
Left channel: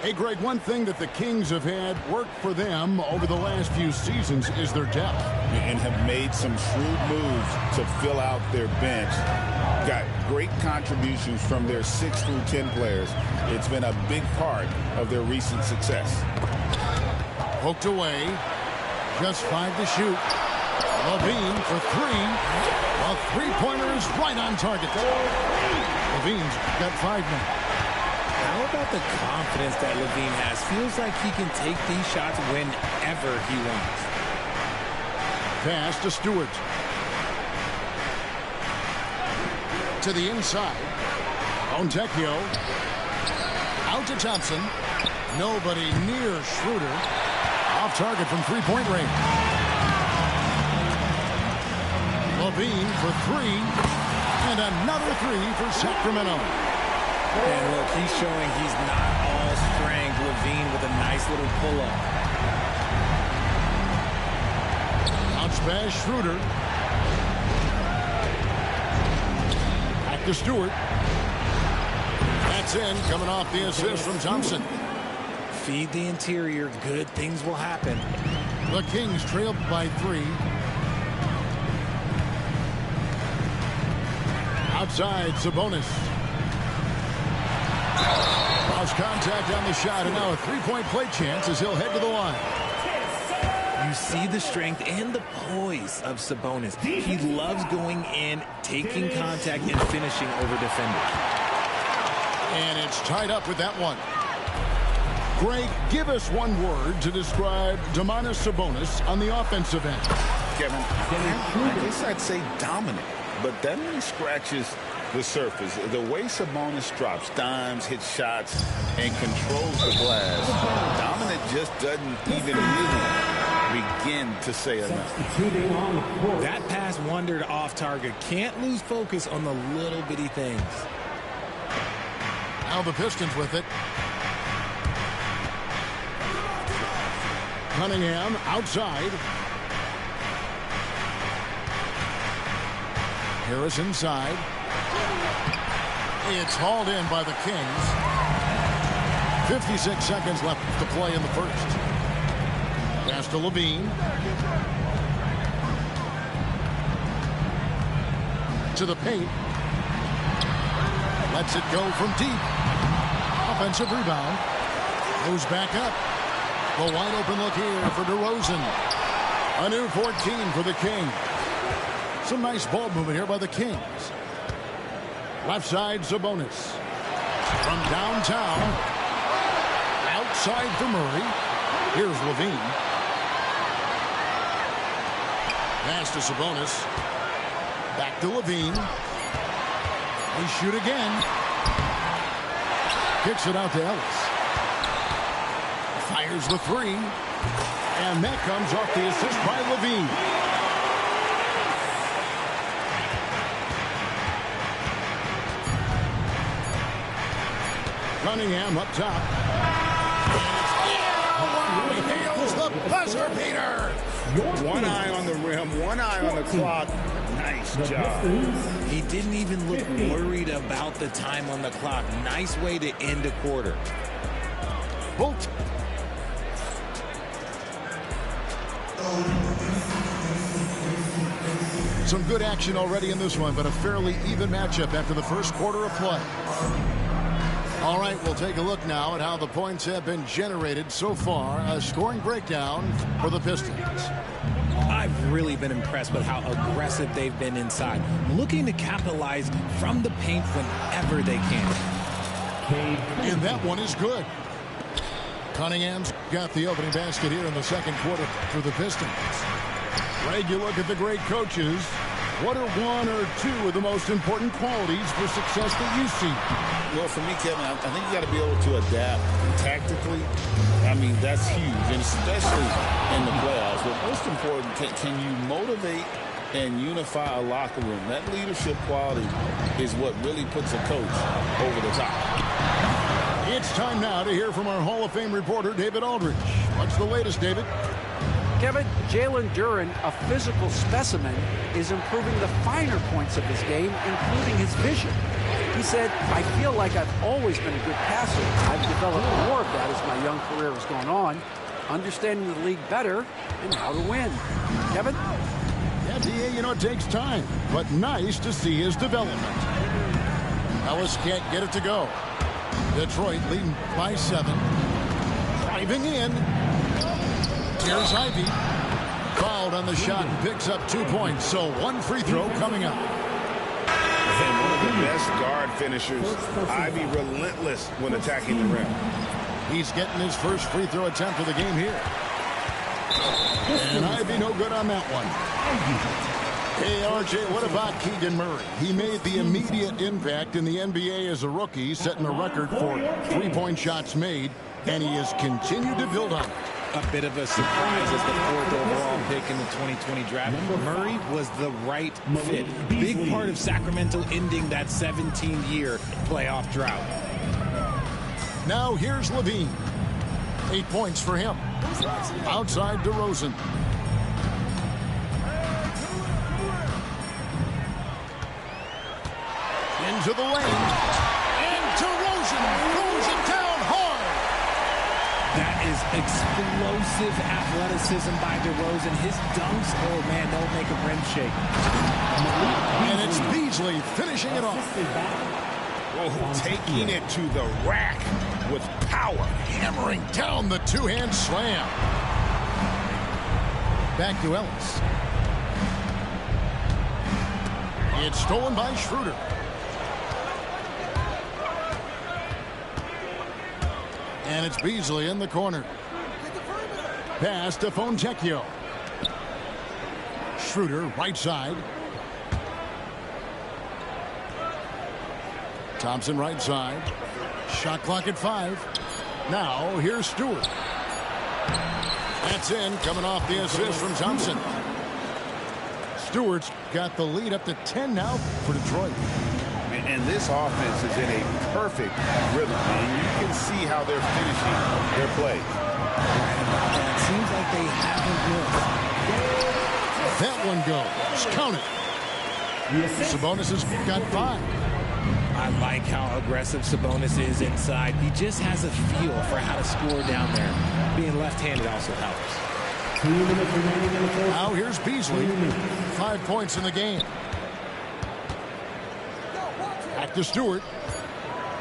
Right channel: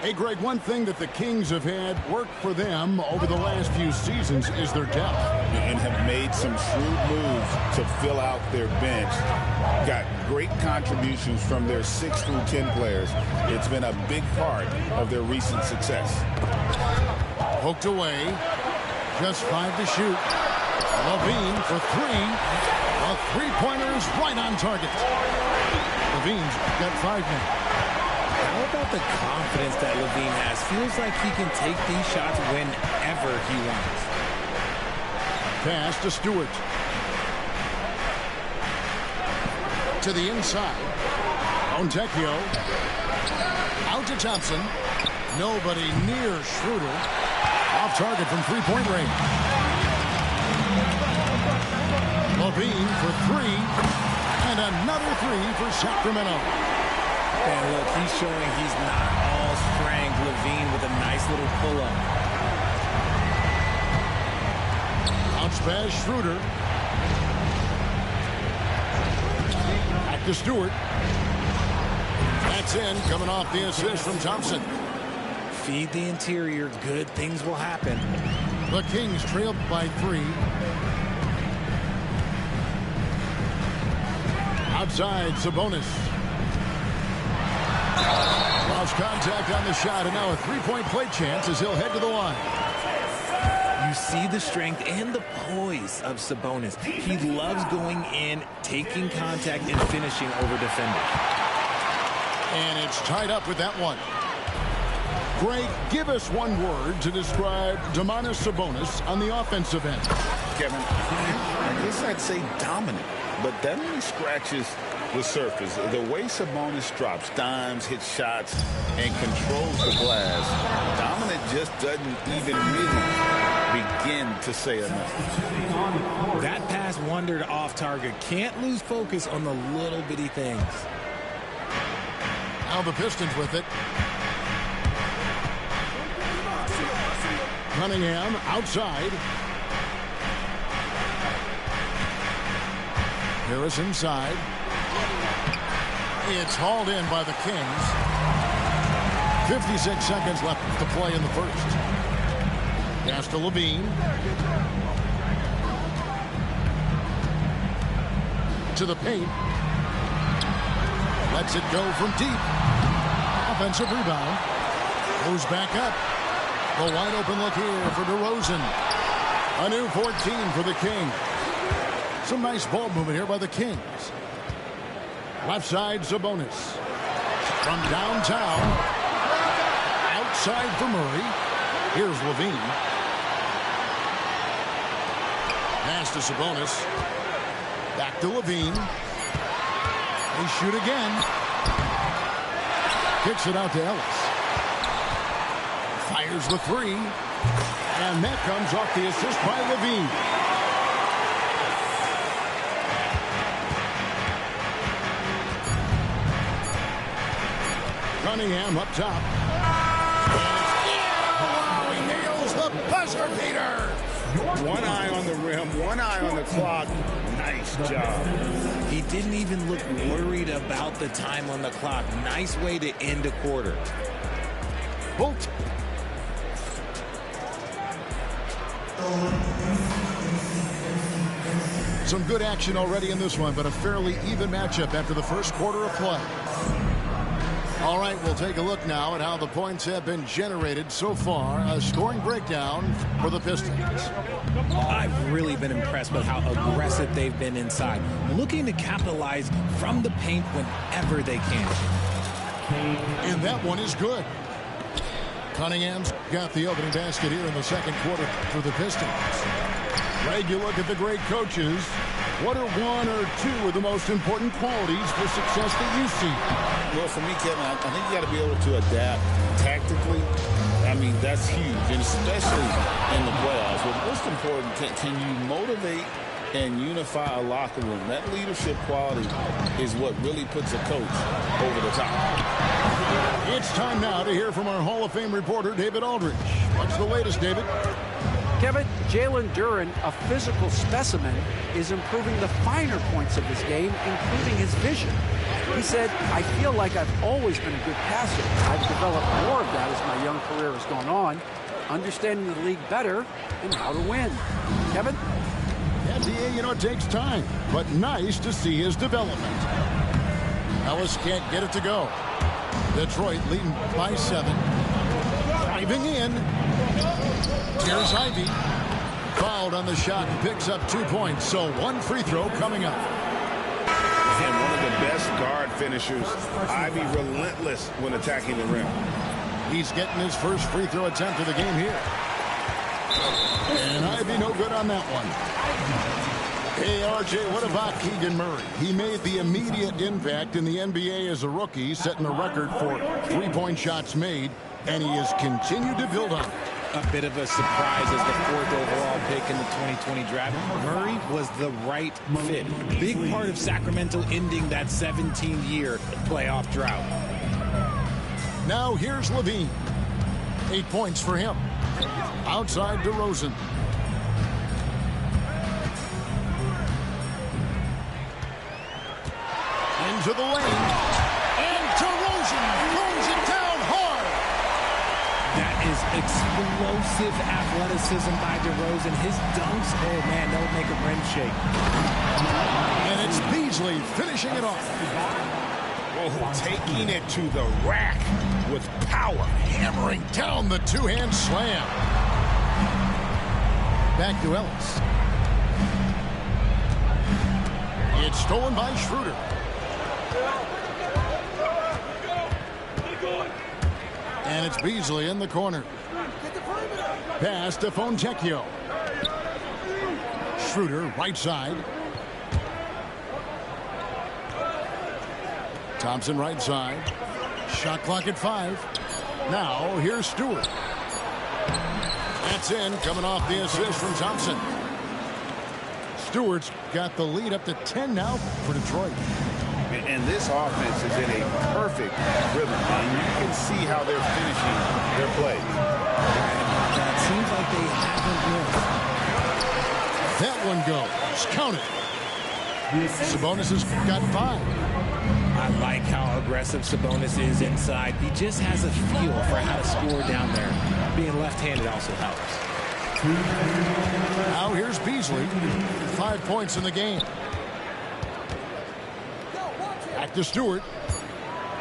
Hey, Greg, one thing that the Kings have had work for them over the last few seasons is their depth. And have made some shrewd moves to fill out their bench. Got great contributions from their 6 through 10 players. It's been a big part of their recent success. Poked away. Just 5 to shoot. LaVine for 3. A three-pointer is right on target. LaVine's got 5 now. How about the confidence that LaVine has? Feels like he can take these shots whenever he wants. Pass to Stewart. To the inside. Fontecchio. Out to Thompson. Nobody near Schroeder. Off target from three-point range. LaVine for 3. And another 3 for Sacramento. And look, he's showing he's not all strength. LaVine with a nice little pull-up. Bounce pass, Schroeder. Back to Stewart. That's in, coming off the assist from Thompson. Feed the interior, good things will happen. The Kings trailed by 3. Outside, Sabonis. Lost contact on the shot, and now a three-point play chance as he'll head to the line. You see the strength and the poise of Sabonis. He loves going in, taking contact, and finishing over defenders. And it's tied up with that one. Greg, give us one word to describe Domantas Sabonis on the offensive end. Kevin, I guess I'd say dominant, but that only scratches with surface. The way Sabonis drops dimes, hits shots, and controls the glass, dominant just doesn't even really begin to say enough. That pass wandered off target. Can't lose focus on the little bitty things. Now the Pistons with it. Cunningham outside. Harris inside. It's hauled in by the Kings. 56 seconds left to play in the first. Pass to Levine. To the paint. Lets it go from deep. Offensive rebound. Goes back up. The wide open look here for DeRozan. A new 14 for the Kings. Some nice ball movement here by the Kings. Left side, Sabonis. From downtown. Outside for Murray. Here's Levine. Pass to Sabonis. Back to Levine. They shoot again. Kicks it out to Ellis. Fires the three. And that comes off the assist by Levine. Cunningham up top. And it's he nails the buzzer beater. One eye on the rim, one eye on the clock. Nice job. He didn't even look worried about the time on the clock. Nice way to end a quarter. Bolt. Some good action already in this one, but a fairly even matchup after the first quarter of play. All right, we'll take a look now at how the points have been generated so far. A scoring breakdown for the Pistons. I've really been impressed with how aggressive they've been inside, looking to capitalize from the paint whenever they can. And that one is good. Cunningham's got the opening basket here in the second quarter for the Pistons. Greg, you look at the great coaches. What are one or two of the most important qualities for success that you see? Well, for me, Kevin, I think you got to be able to adapt tactically. I mean, that's huge, and especially in the playoffs. But most important, can you motivate and unify a locker room? That leadership quality is what really puts a coach over the top. It's time now to hear from our Hall of Fame reporter, David Aldridge. What's the latest, David? Kevin, Jalen Duren, a physical specimen, is improving the finer points of his game, including his vision. He said, I feel like I've always been a good passer. I've developed more of that as my young career has gone on, understanding the league better and how to win. Kevin? Yeah, DA, you know, it takes time, but nice to see his development. Ellis can't get it to go. Detroit leading by 7. Driving in. Here's Ivy. Fouled on the shot and picks up 2 points. So one free throw coming up. And one of the best guard finishers. Ivy relentless when attacking the rim. He's getting his first free throw attempt of the game here. And Ivy no good on that one. Hey, RJ, what about Keegan Murray? He made the immediate impact in the NBA as a rookie, setting the record for three-point shots made, and he has continued to build on it. A bit of a surprise as the 4th overall pick in the 2020 draft. Murray was the right fit. Big part of Sacramento ending that 17-year playoff drought. Now here's Levine. 8 points for him. Outside DeRozan. Into the lane. And DeRozan throws it down hard. That is explosive athleticism by DeRozan. His dunks, oh man, they'll make a rim shake. And it's Beasley finishing it off. Oh, taking it to the rack with power. Hammering down the two-hand slam. Back to Ellis. It's stolen by Schroeder. And it's Beasley in the corner. Pass to Fontecchio. Schroeder, right side. Thompson right side. Shot clock at 5. Now here's Stewart. That's in, coming off the assist from Thompson. Stewart's got the lead up to 10 now for Detroit. And this offense is in a perfect rhythm, and you can see how they're finishing their plays. Right about that. Seems like they haven't missed. That one goes. Count it. Sabonis has got 5. I like how aggressive Sabonis is inside. He just has a feel for how to score down there. Being left-handed also helps. Now here's Beasley. 5 points in the game. Back to Stewart.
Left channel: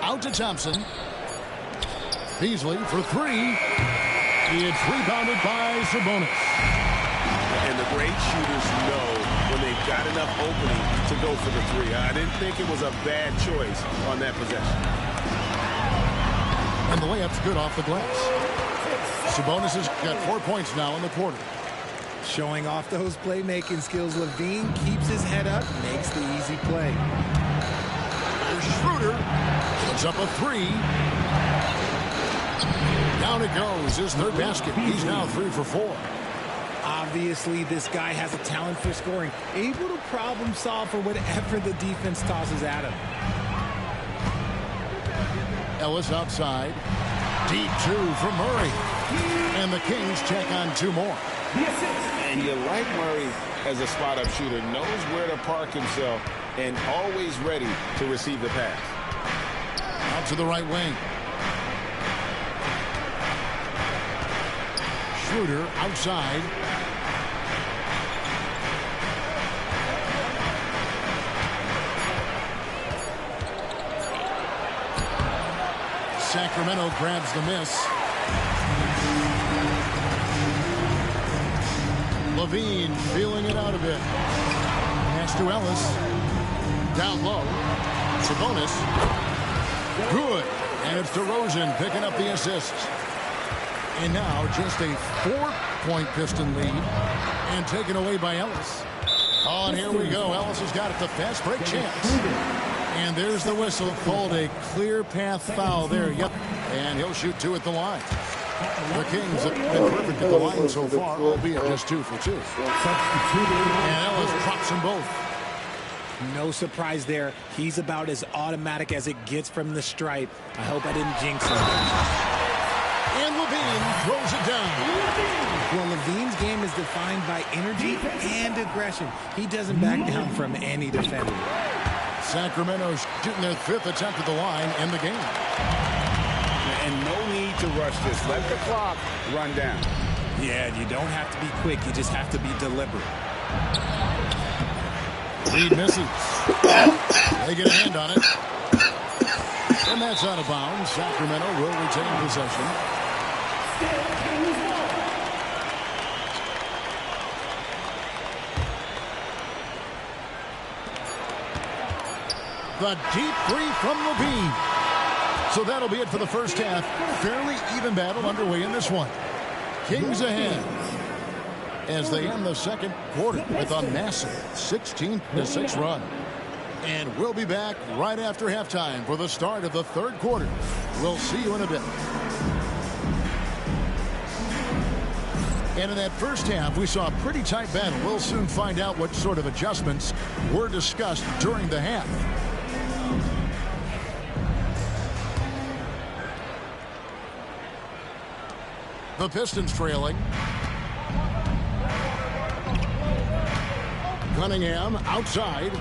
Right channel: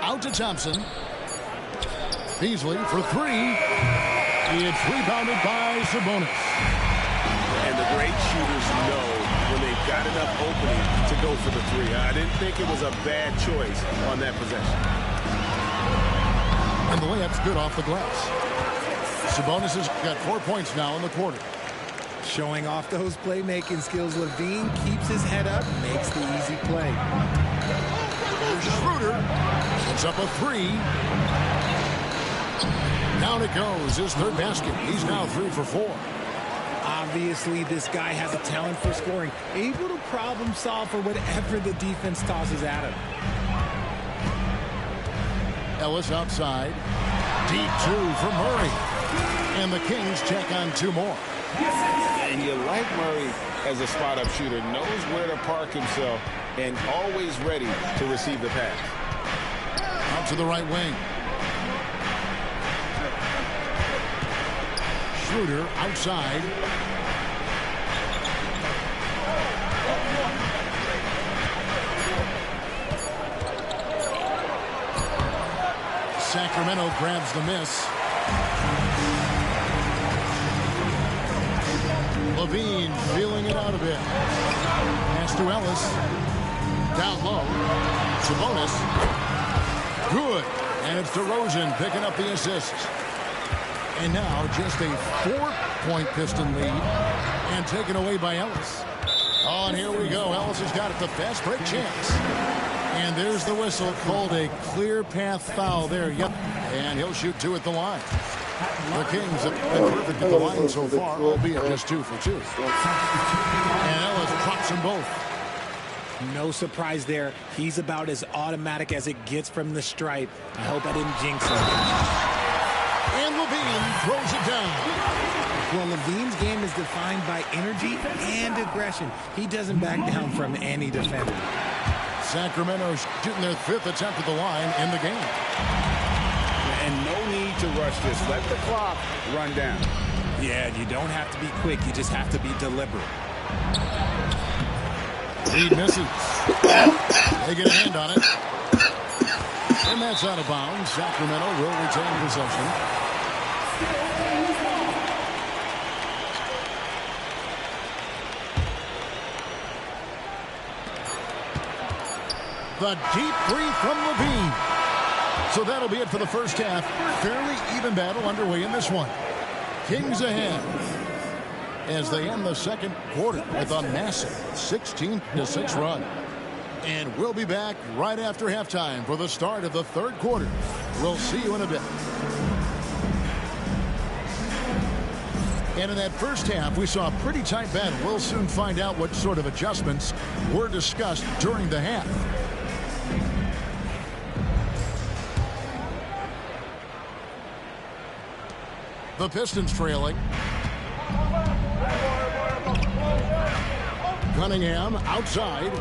Out to Thompson. Beasley for 3. It's rebounded by Sabonis. And the great shooters know when they've got enough opening to go for the 3. I didn't think it was a bad choice on that possession. And the layup's good off the glass. Sabonis has got 4 points now in the quarter. Showing off those playmaking skills, LaVine keeps his head up, makes the easy play. Here's Schroeder. Puts up a 3. Down it goes. His 3rd basket. He's now 3 for 4. Obviously, this guy has a talent for scoring, able to problem solve for whatever the defense tosses at him. Ellis outside. Deep 2 for Murray. And the Kings check on 2 more. And you like Murray as a spot-up shooter, knows where to park himself, and always ready to receive the pass. Out to the right wing. Schroeder outside. Sacramento grabs the miss. LaVine feeling it out a bit. Pass to Ellis. Down low. Sabonis. Good. And it's DeRozan picking up the assists. And now just a 4-point Piston lead. And taken away by Ellis. Oh, and here we go. Ellis has got it. The fast break chance. And there's the whistle. Called a clear path foul there. Yep. And he'll shoot 2 at the line. The Kings have been perfect at the line so far, albeit just 2 for 2. And Ellis drops them both. No surprise there. He's about as automatic as it gets from the stripe. I hope I didn't jinx him. And LaVine throws it down. Well, LaVine's game is defined by energy and aggression. He doesn't back down from any defender. Sacramento shooting their 5th attempt at the line in the game. And no need to rush this. Let the clock run down. Yeah, you don't have to be quick. You just have to be deliberate. Reed misses. They get a hand on it. And that's out of bounds. Sacramento will retain possession. The deep 3 from LaVine. So that'll be it for the first half. Fairly even battle underway in this one. Kings ahead as they end the second quarter with a massive 16-6 run. And we'll be back right after halftime for the start of the 3rd quarter. We'll see you in a bit. And in that first half, we saw a pretty tight battle. We'll soon find out what sort of adjustments were discussed during the half. The Pistons trailing. Cunningham outside.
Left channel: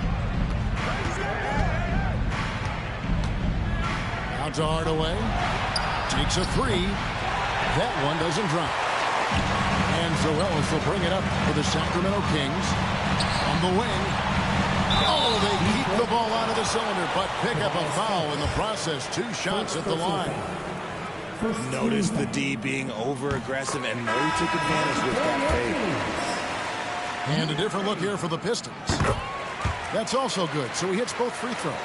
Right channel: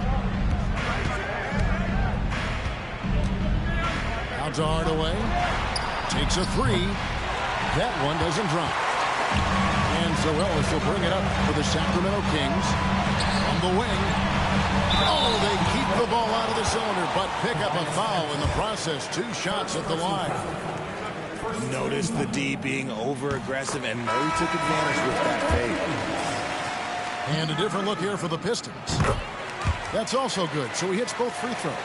Out to Hardaway. Takes a 3. That one doesn't drop. And so Ellis will bring it up for the Sacramento Kings. On the wing. Oh, they keep the ball out of the cylinder, but pick up a foul in the process. 2 shots at the line. Notice the D being over-aggressive, and Murray took advantage with that fake. And a different look here for the Pistons. That's also good, so he hits both free throws.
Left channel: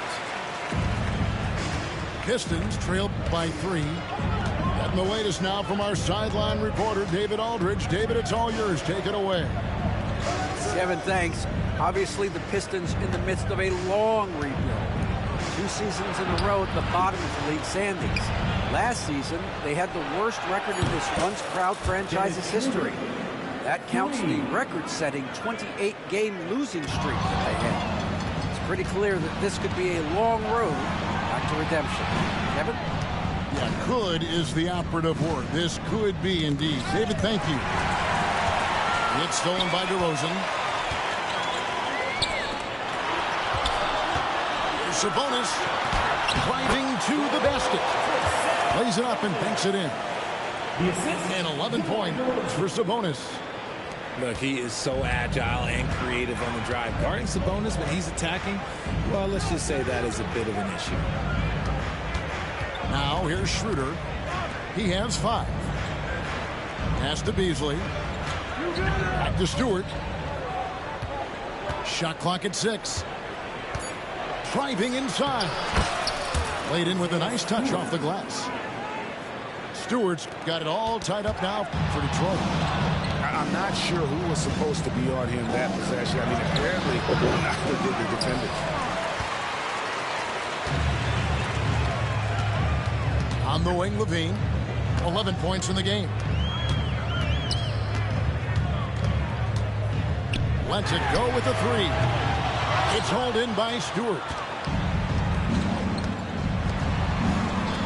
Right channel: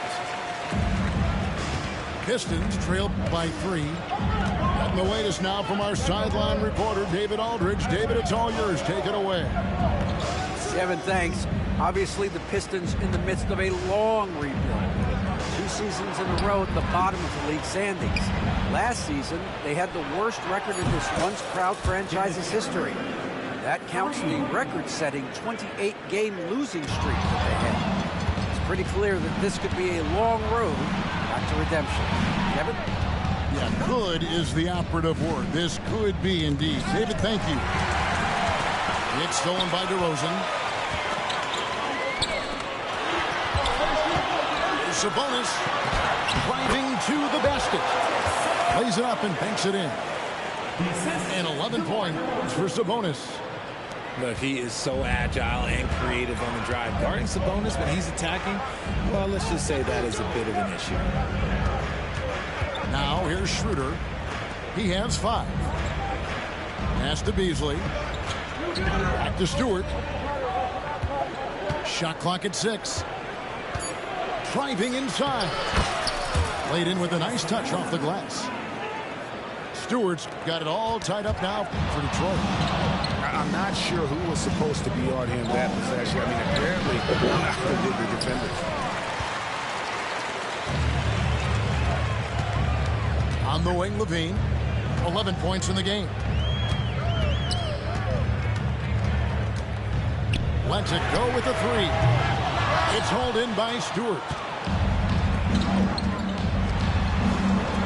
Pistons trail by 3. And the latest now from our sideline reporter, David Aldridge. David, it's all yours. Take it away. Kevin, thanks. Obviously, the Pistons in the midst of a long rebuild. 2 seasons in a row at the bottom of the league standings. Last season, they had the worst record in this once-proud franchise's history. That counts the record-setting 28-game losing streak that they had. It's pretty clear that this could be a long road back to redemption. Kevin? Yeah, could is the operative word. This could be indeed. David, thank you. It's stolen by DeRozan. Here's Sabonis driving to the basket. Lays it up and banks it in. And 11 points for Sabonis. Look, he is so agile and creative on the drive. Guarding Sabonis when he's attacking, well, let's just say that is a bit of an issue. Now here's Schroeder. He has 5. Pass to Beasley. Back to Stewart. Shot clock at 6. Driving inside. Laid in with a nice touch off the glass. Stewart's got it all tied up now for Detroit. I'm not sure who was supposed to be on him that possession. I mean, apparently neither did the defenders. On the wing, Levine. 11 points in the game. Lets it go with a 3. It's hauled in by Stewart.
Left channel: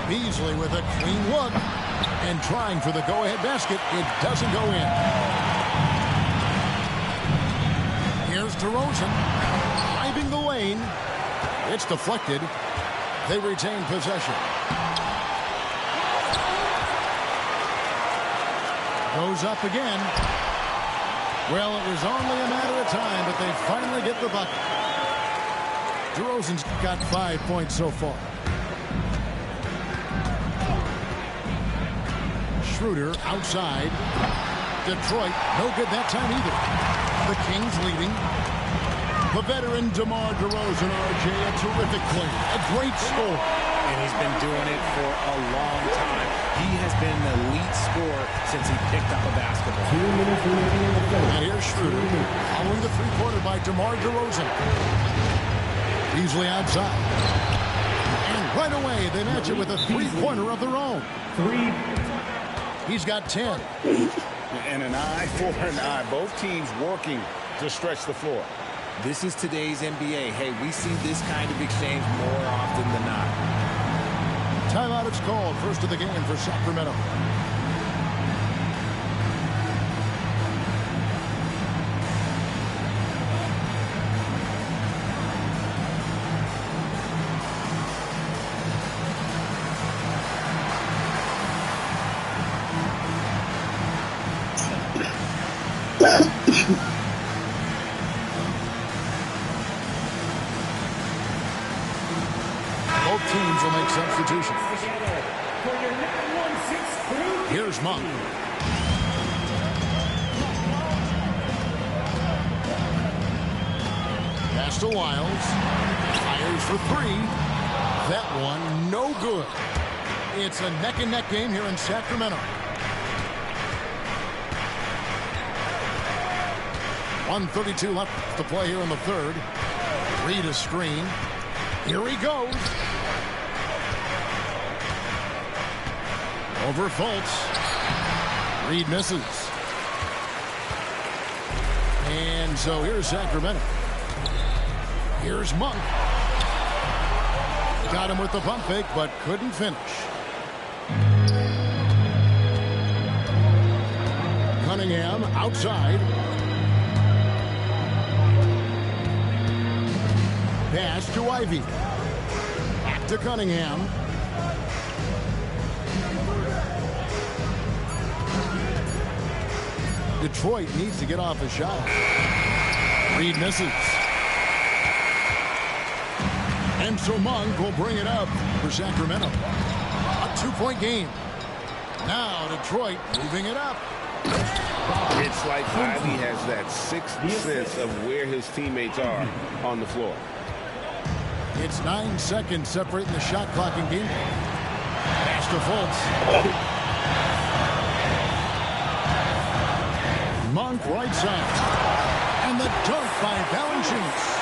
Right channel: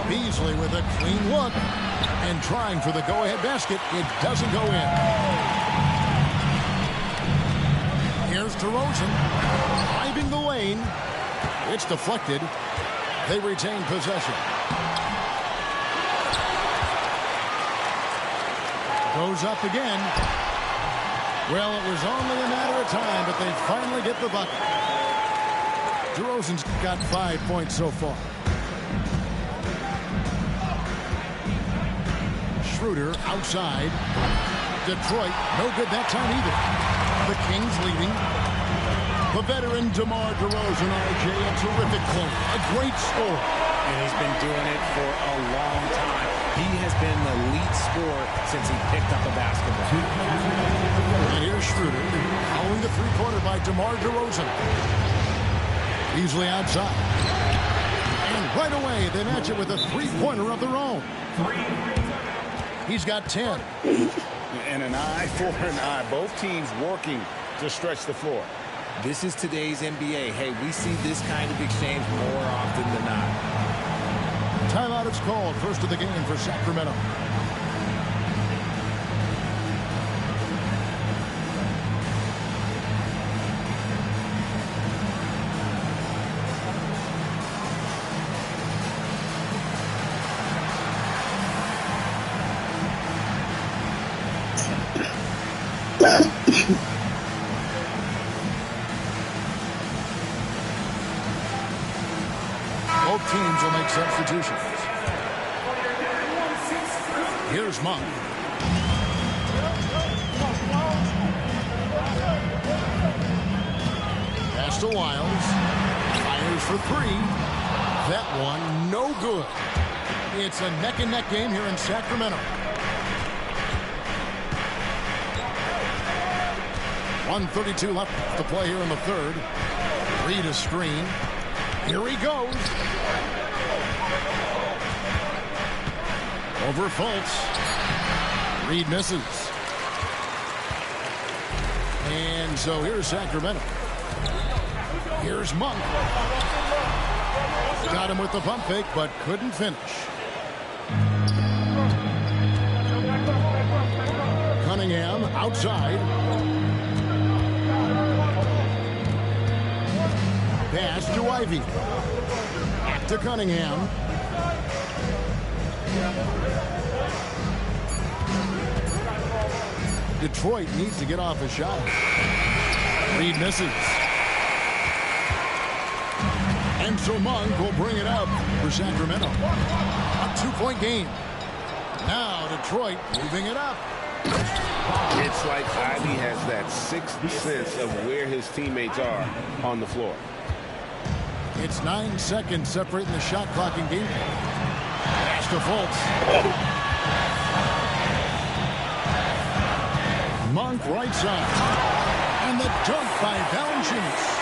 Beasley with a clean look and trying for the go-ahead basket. It doesn't go in. Here's DeRozan driving the lane. It's deflected. They retain possession. Goes up again. Well, it was only a matter of time, but they finally get the bucket. DeRozan's got 5 points so far. Schroeder outside. Detroit, no good that time either. The Kings leading. The veteran DeMar DeRozan, RJ, a terrific player, a great scorer. And he's been doing it for a long time. He has been the lead scorer since he picked up a basketball. And here's Schroeder following the three-pointer by DeMar DeRozan. Beasley outside. And right away, they match it with a three-pointer of their own. He's got 10. And an eye for an eye. Both teams working to stretch the floor. This is today's NBA. Hey, we see this kind of exchange more often than not. Timeout is called. First of the game for Sacramento. Both teams will make substitutions. Here's Monk. Pass to Wiles. Fires for 3. That one, no good. It's a neck-and-neck game here in Sacramento. 1:32 left to play here in the third. Reed a screen. Here he goes. Over Fultz. Reed misses. And so here's Sacramento. Here's Monk. Got him with the pump fake, but couldn't finish. Cunningham outside. Pass to Ivy. Back to Cunningham. Detroit needs to get off a shot. Reed misses. And so Monk will bring it up for Sacramento. A 2-point game. Now Detroit moving it up. It's like Ivy has that sixth sense of where his teammates are on the floor. It's 9 seconds separating the shot clock and game. Pass to Fultz. Monk right side. And the dunk by Valanciunas.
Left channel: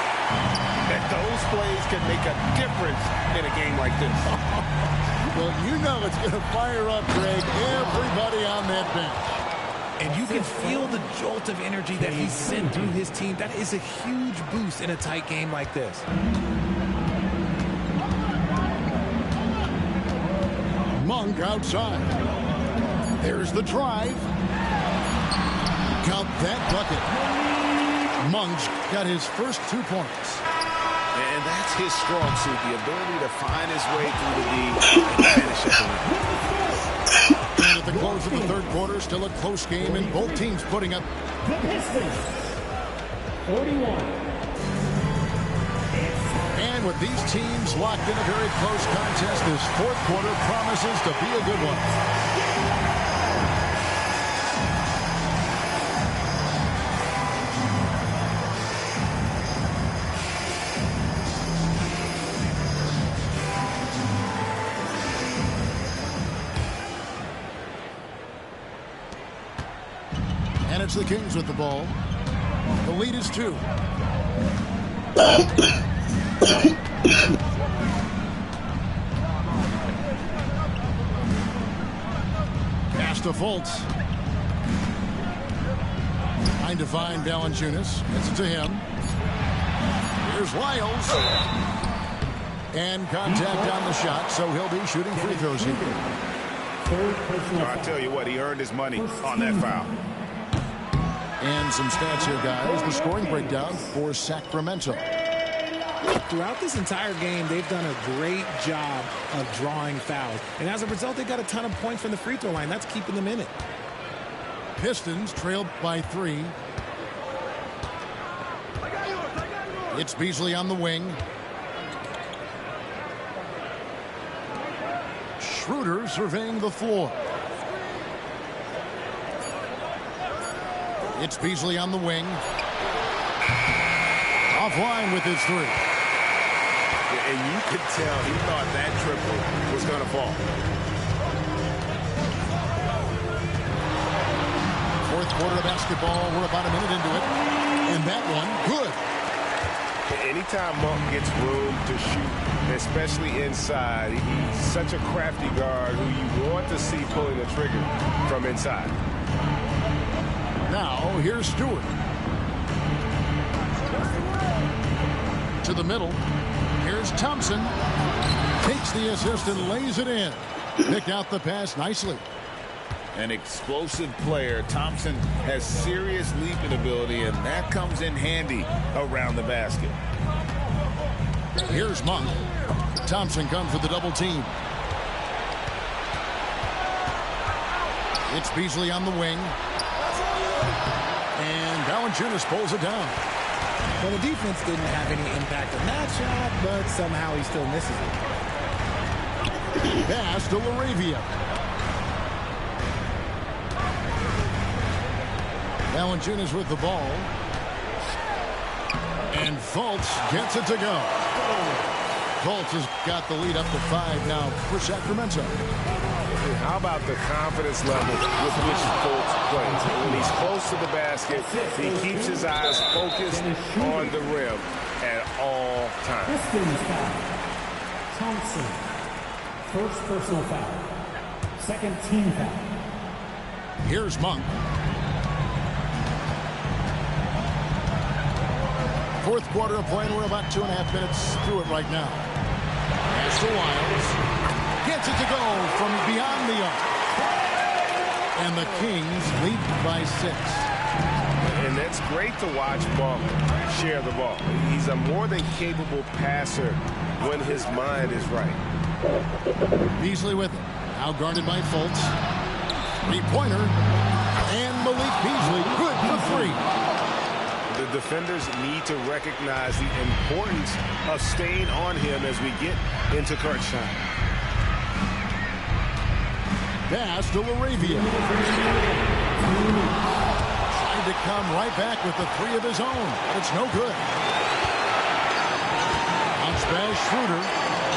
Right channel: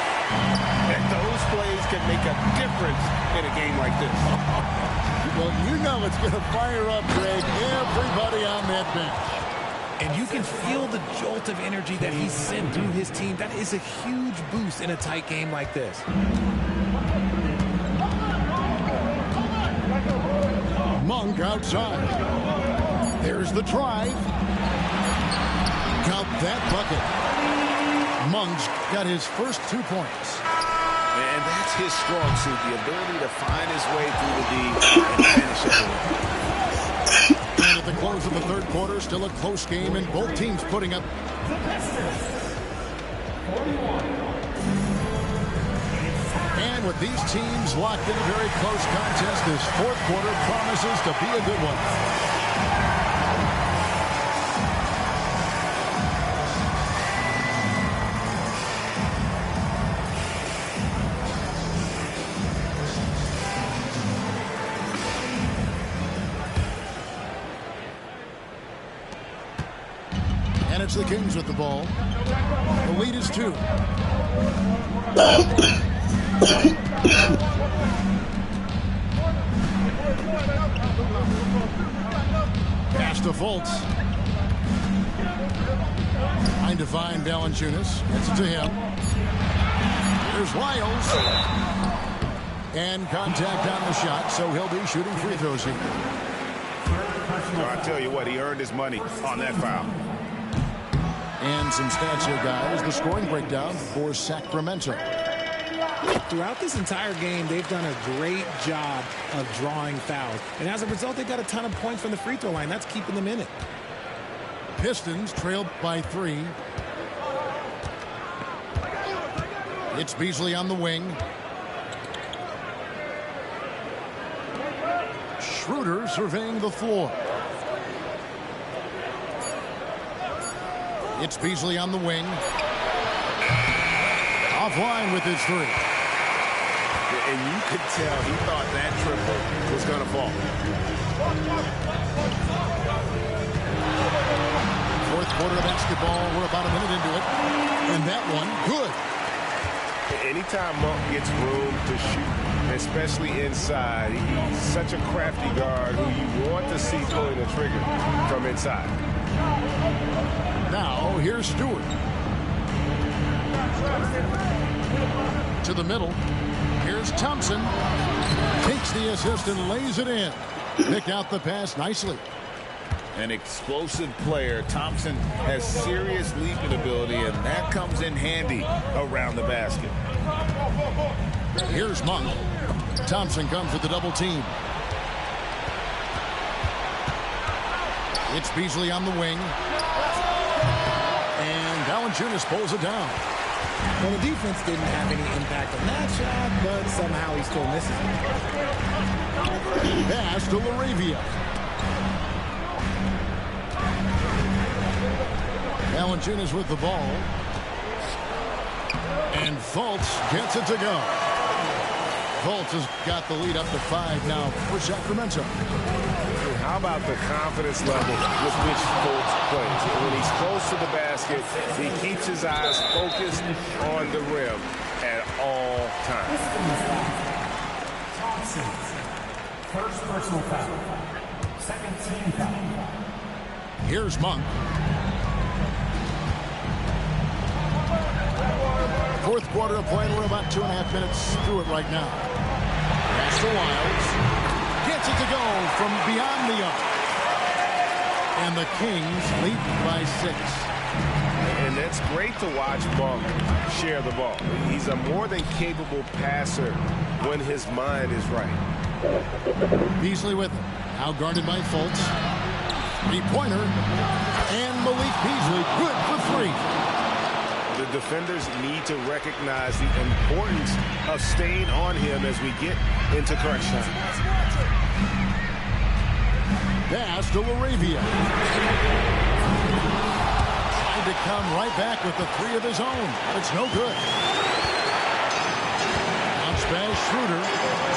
that those plays can make a difference in a game like this. Well, you know it's going to fire up, Greg, everybody on that bench. And you can feel the jolt of energy that he's sent through his team. That is a huge boost in a tight game like this. Monk outside. There's the drive. Count that bucket. Monk's got his first 2 points. And that's his strong suit, the ability to find his way through the D and finish at the rim. And at the close of the third quarter, still a close game, and both teams putting up 41. And with these teams locked in a very close contest, this fourth quarter promises to be a good one. And it's the Kings with the ball. The lead is 2. Pass to Fultz. Trying to find Valanciunas. Gets it to him. Here's Lyles. And contact on the shot, so he'll be shooting free throws here. I tell you what, he earned his money on that foul. And some stats here, guys. The scoring breakdown for Sacramento. Throughout this entire game, they've done a great job of drawing fouls. And as a result, they got a ton of points from the free throw line. That's keeping them in it. Pistons trailed by 3. It's Beasley on the wing. Schroeder surveying the floor. It's Beasley on the wing. Offline with his 3. And you could tell he thought that triple was going to fall. Fourth quarter of basketball. We're about a minute into it. And that one, good. Anytime Monk gets room to shoot, especially inside, he's such a crafty guard who you want to see pulling the trigger from inside. Now, here's Stewart. To the middle. Here's Thompson. Takes the assist and lays it in. Pick out the pass nicely. An explosive player. Thompson has serious leaping ability, and that comes in handy around the basket. Here's Monk. Thompson comes with the double team. It's Beasley on the wing. And Valanciunas pulls it down. Well, the defense didn't have any impact on that shot, but somehow he still misses it. Pass to LaRavia. Valanciunas with the ball. And Fultz gets it to go. Fultz has got the lead up to 5 now for Sacramento. How about the confidence level with which Fultz plays? When he's close to the basket, he keeps his eyes focused on the rim at all times. Thompson, first personal foul. Second team foul. Here's Monk. Fourth quarter of play, and we're about 2.5 minutes through it right now. Pass to Lyles. Gets it to go from beyond the arc. And the Kings lead by 6. And that's great to watch Monk share the ball. He's a more than capable passer when his mind is right. Beasley with it. Now guarded by Fultz. 3-pointer. And Malik Beasley good for 3. The defenders need to recognize the importance of staying on him as we get into crunch time. Pass to LaRavia. Trying to come right back with the 3 of his own, but it's no good. Bounce pass Schroeder.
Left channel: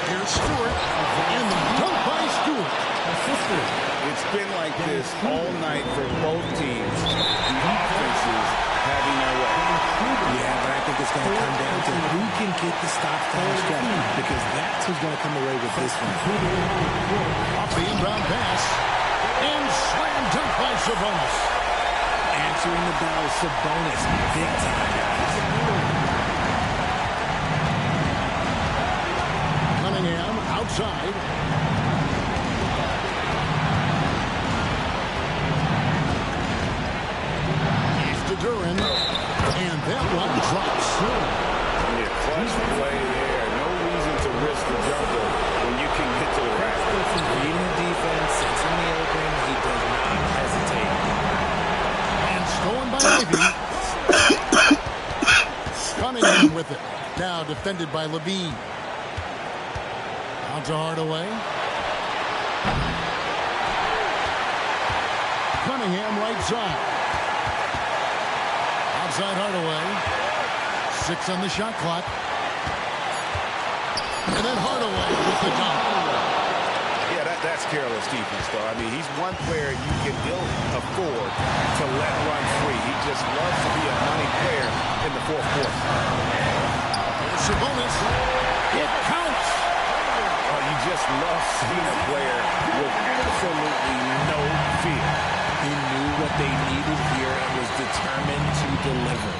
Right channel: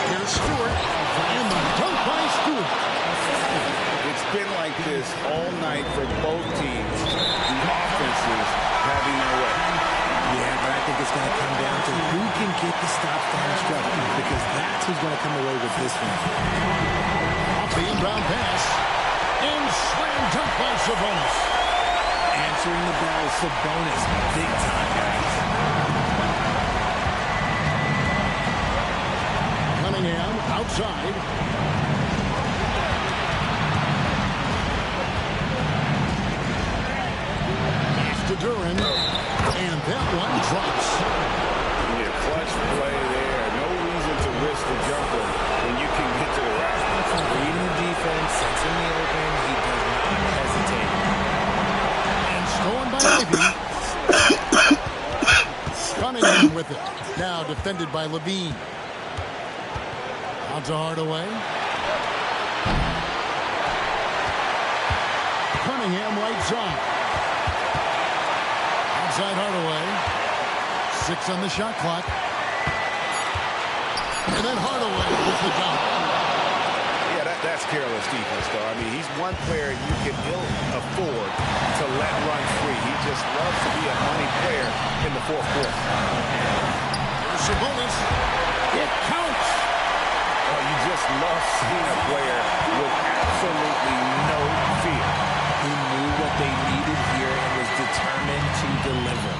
Here's Stewart. And the dunk by Stewart. It's been like this all night for both teams. The offenses having their way. Yeah, but I think it's going to come down to who can get the stops down the stretch, because that's who's going to come away with this one. Off the inbound pass. And slam dunk by Sabonis. Answering the bell, Sabonis. Big time, guys. Cunningham outside. Pass to Duren. And that one drops. Yeah, clutch play there. No reason to risk the jumper when you can get to the rack. Reading the defense, sensing the open, he does not hesitate. And stolen by Ivey. Cunningham with it. Now defended by Levine. Out to Hardaway. Cunningham right side. Outside Hardaway. 6 on the shot clock. And then Hardaway with the dunk. Yeah, that's careless defense, though. I mean, he's one player you can ill afford to let run free. He just loves to be a money player in the fourth quarter. Here's Sabonis. It counts. Well, you just love seeing a player with absolutely no fear. He knew what they needed here and was determined to deliver.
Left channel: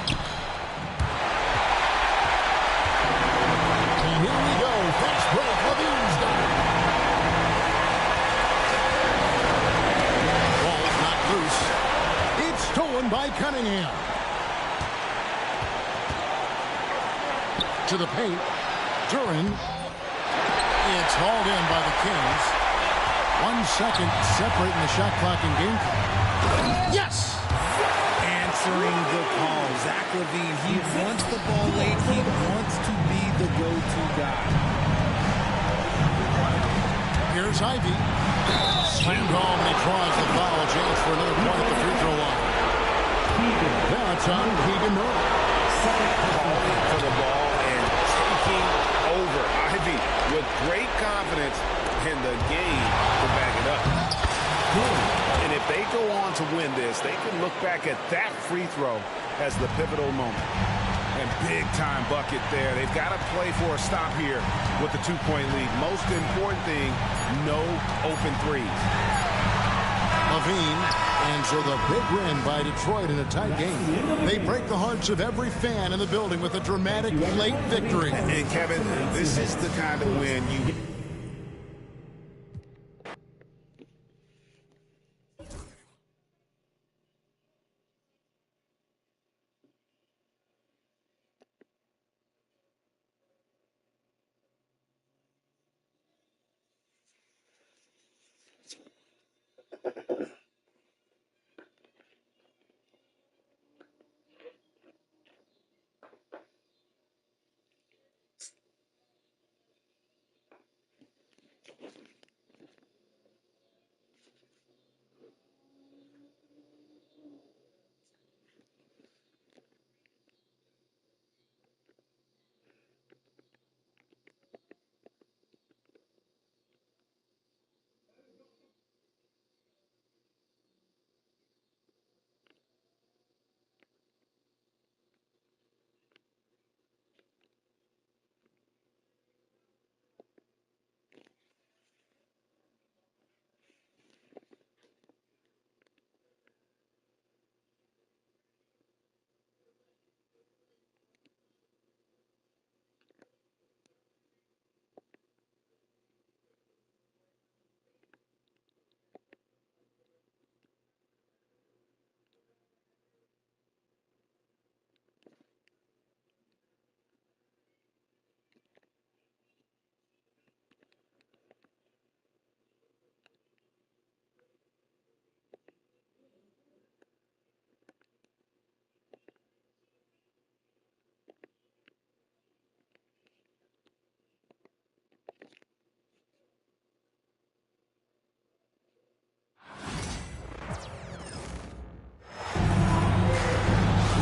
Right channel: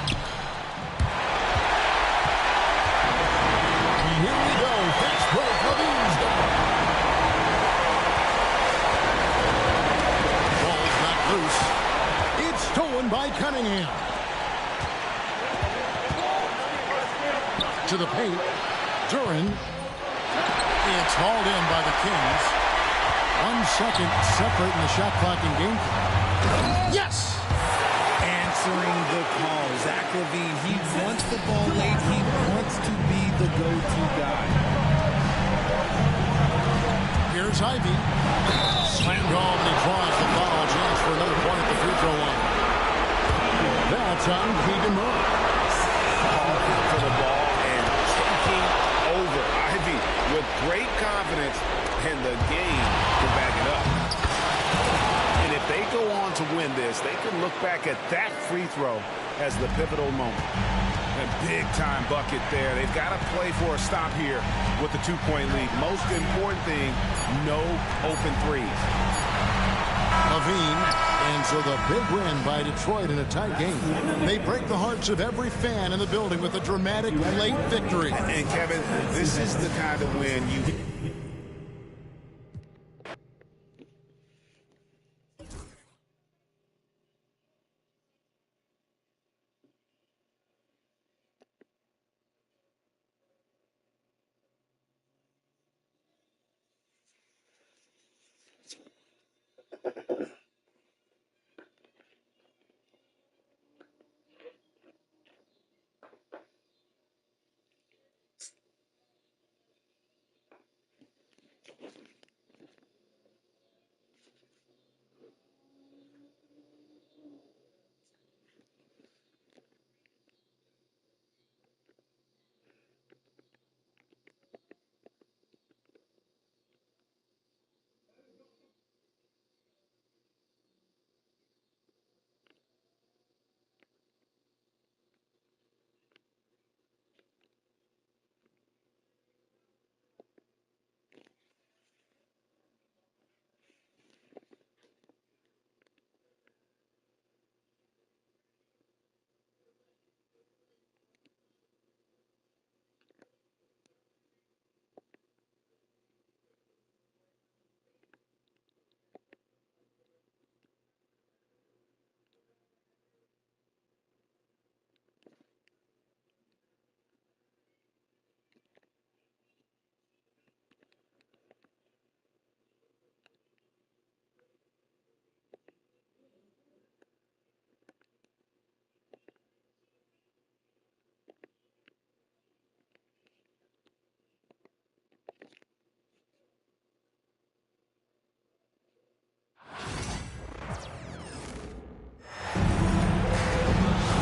And here we go. Fast break. Levine's got it. Ball's knocked loose. It's stolen by Cunningham. To the paint. Duren. It's hauled in by the Kings. 1 second separating the shot clock and game clock. Yes! Answering the call. Zach LaVine, he wants the ball late. He wants to be the go-to guy. Here's Ivey. Slammed home and he draws the foul. Chance for another point at the free throw line. That's on Keegan Murray. Calling for the ball and taking over. Ivey with great confidence in the game to back it up. And if they go on to win this, they can look back at that free throw as the pivotal moment. And big-time bucket there. They've got to play for a stop here with the 2-point lead. Most important thing, no open threes. Levine, and so the big win by Detroit in a tight game. They break the hearts of every fan in the building with a dramatic late victory. And Kevin, this is the kind of win you...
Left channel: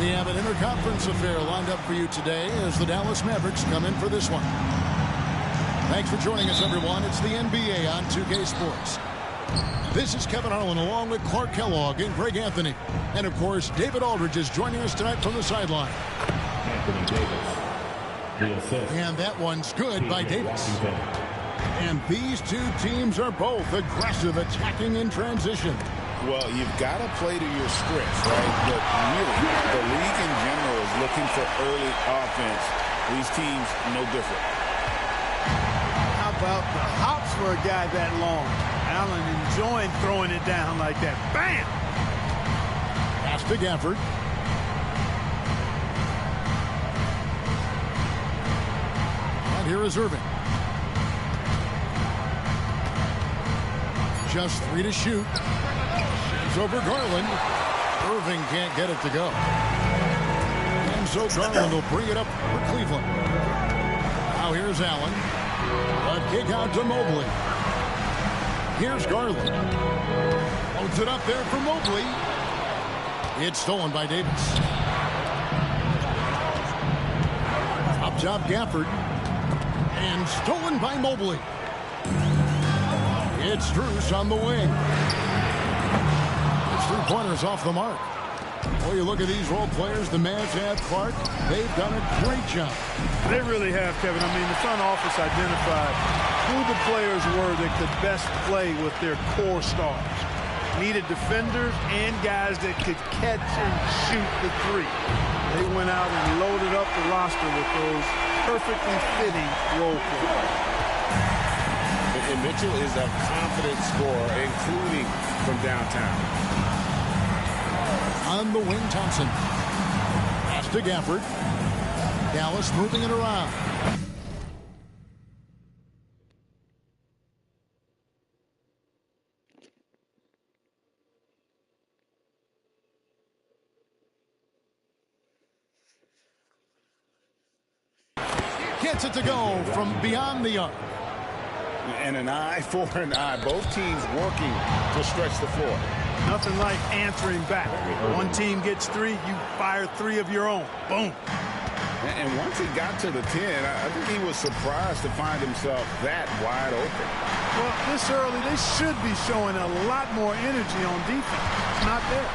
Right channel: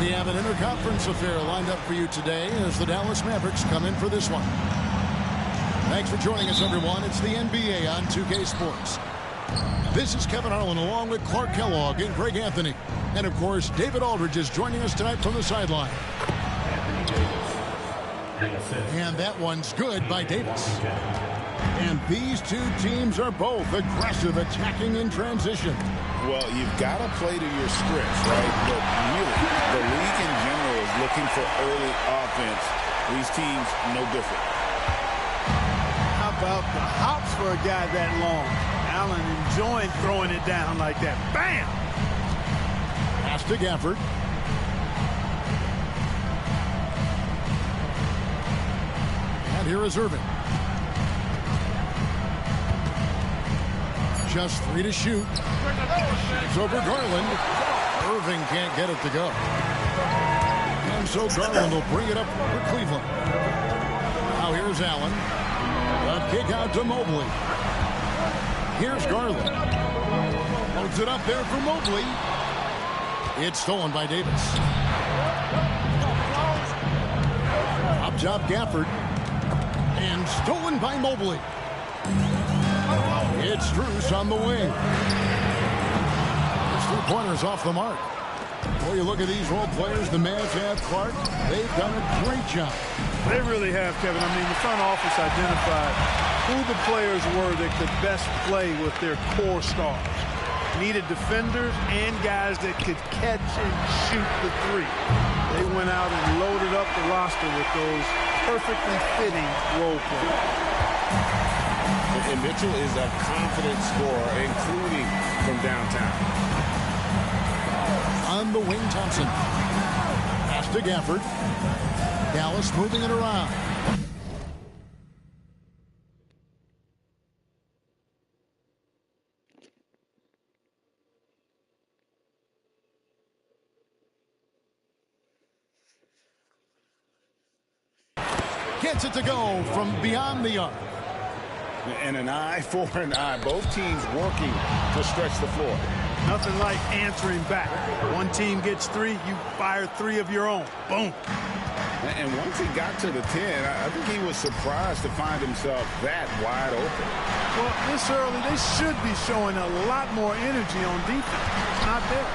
We have an interconference affair lined up for you today as the Dallas Mavericks come in for this one. Thanks for joining us, everyone. It's the NBA on 2K Sports. This is Kevin Harlan along with Clark Kellogg and Greg Anthony. And, of course, David Aldridge is joining us tonight from the sideline. Anthony Davis. And that one's good by Davis. And these two teams are both aggressive, attacking in transition. Well, you've got to play to your strengths, right? But really, the league in general is looking for early offense. These teams, no different. How about the hops for a guy that long? Allen enjoying throwing it down like that. Bam! Pass to Gafford. And here is Irving. Just 3 to shoot. Shoots over Garland. Irving can't get it to go. And so Garland will bring it up for Cleveland. Now here's Allen. A kick out to Mobley. Here's Garland. Loads it up there for Mobley. It's stolen by Davis. Up top Gafford. And stolen by Mobley. It's Strus on the wing. His 3-pointers off the mark. Boy, you look at these role players the Mavs have, Clark. They've done a great job. They really have, Kevin. I mean, the front office identified who the players were that could best play with their core stars. Needed defenders and guys that could catch and shoot the three. They went out and loaded up the roster with those perfectly fitting role players. And Mitchell is a confident scorer, including from downtown. On the wing, Thompson. Pass to Gafford. Dallas moving it around. Gets it to go from beyond the arc. And an eye for an eye. Both teams working to stretch the floor. Nothing like answering back. One team gets 3, you fire 3 of your own. Boom. And once he got to the 10, I think he was surprised to find himself that wide open. Well, this early, they should be showing a lot more energy on defense. It's not there.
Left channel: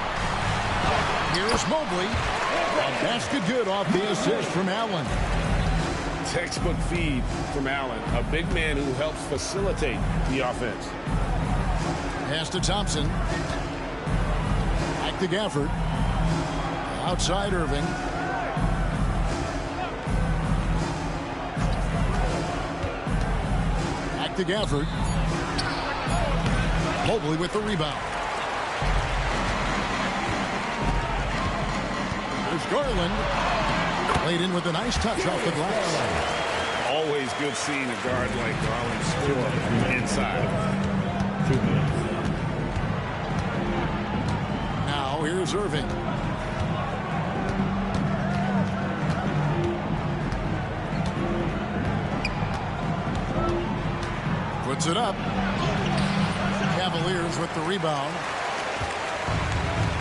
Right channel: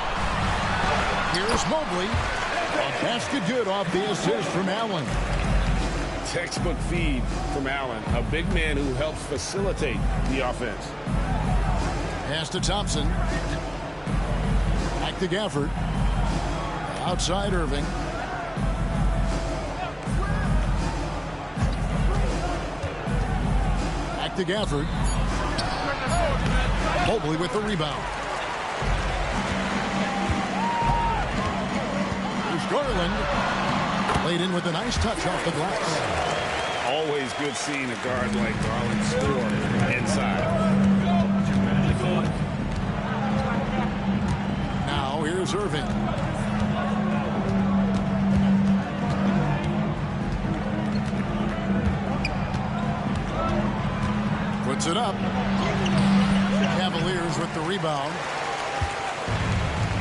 Here's Mobley. A basket good off the assist from Allen. Textbook feed from Allen, a big man who helps facilitate the offense. Pass to Thompson. Back to Gafford. Outside Irving. Back to Gafford. Mobley with the rebound. There's Garland. Laid in with a nice touch off the glass. Always good seeing a guard like Garland score inside. Now here's Irving. Puts it up. Cavaliers with the rebound.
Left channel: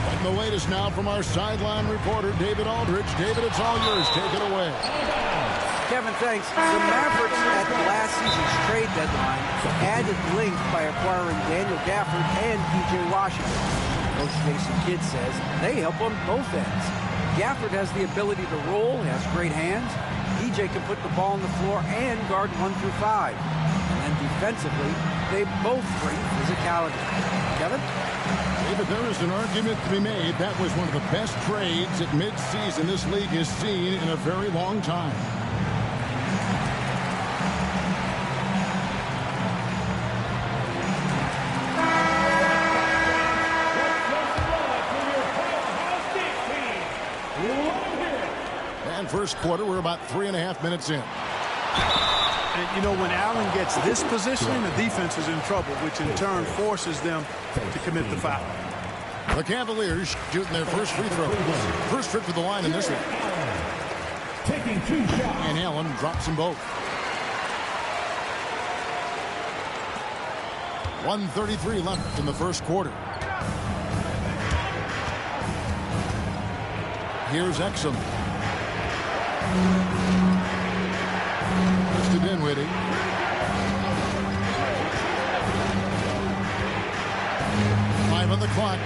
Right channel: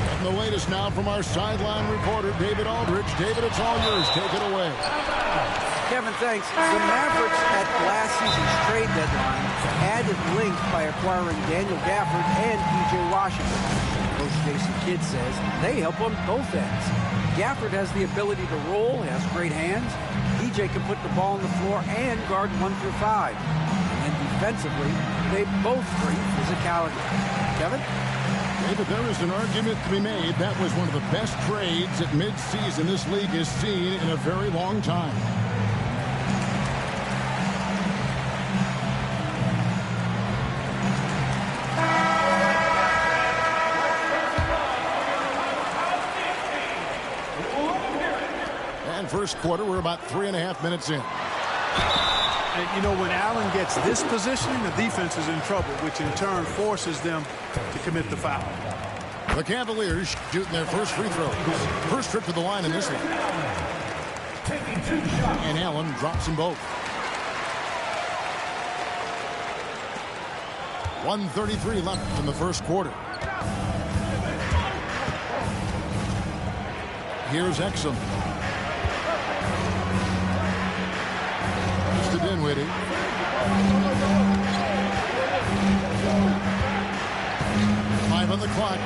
And the latest now from our sideline reporter, David Aldridge. David, it's all yours. Take it away. Kevin, thanks. The Mavericks at last season's trade deadline added length by acquiring Daniel Gafford and P.J. Washington. Coach Jason Kidd says they help on both ends. Gafford has the ability to roll, has great hands. P.J. can put the ball on the floor and guard 1 through 5. And then defensively, they both bring physicality. Kevin? David, there is an argument to be made. That was one of the best trades at midseason this league has seen in a very long time. And first quarter, we're about 3.5 minutes in. And, you know, when Allen gets this positioning, the defense is in trouble, which in turn forces them to commit the foul. The Cavaliers shooting their first free throws. First trip to the line in this one. And Allen drops them both. 1:33 left in the first quarter. Here's Exum. To Dinwiddie. 5 on the clock.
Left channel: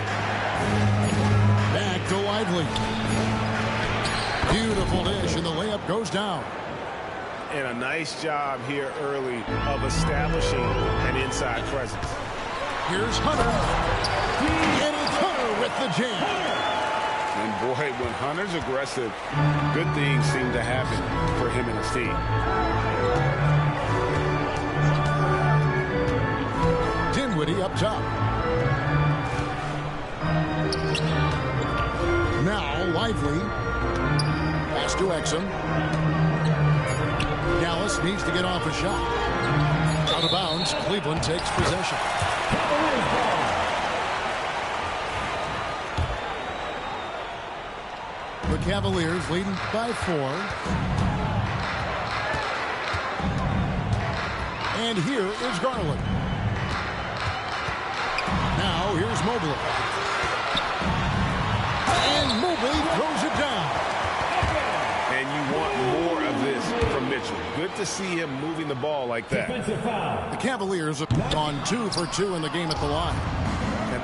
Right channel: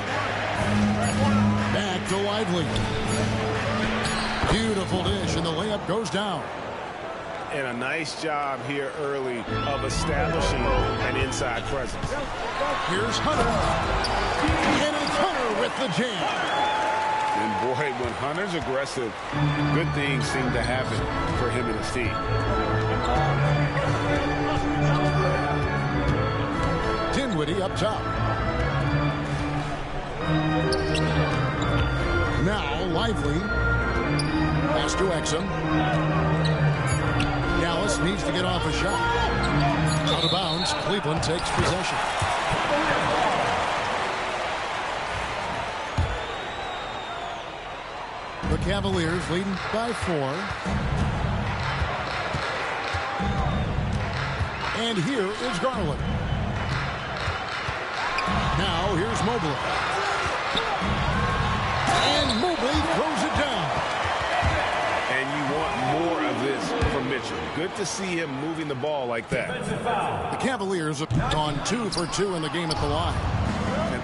Back to Lively. Beautiful dish, and the layup goes down. And a nice job here early of establishing an inside presence. Here's Hunter. And it's Hunter with the jam. And boy, when Hunter's aggressive, good things seem to happen for him and his team. Dinwiddie up top. Now Lively. Pass to Exum. Dallas needs to get off a shot. Out of bounds, Cleveland takes possession. The Cavaliers leading by 4. And here is Garland. Now here's Mobley. And Mobley throws it down. And you want more of this from Mitchell. Good to see him moving the ball like that. The Cavaliers have gone 2 for 2 in the game at the line.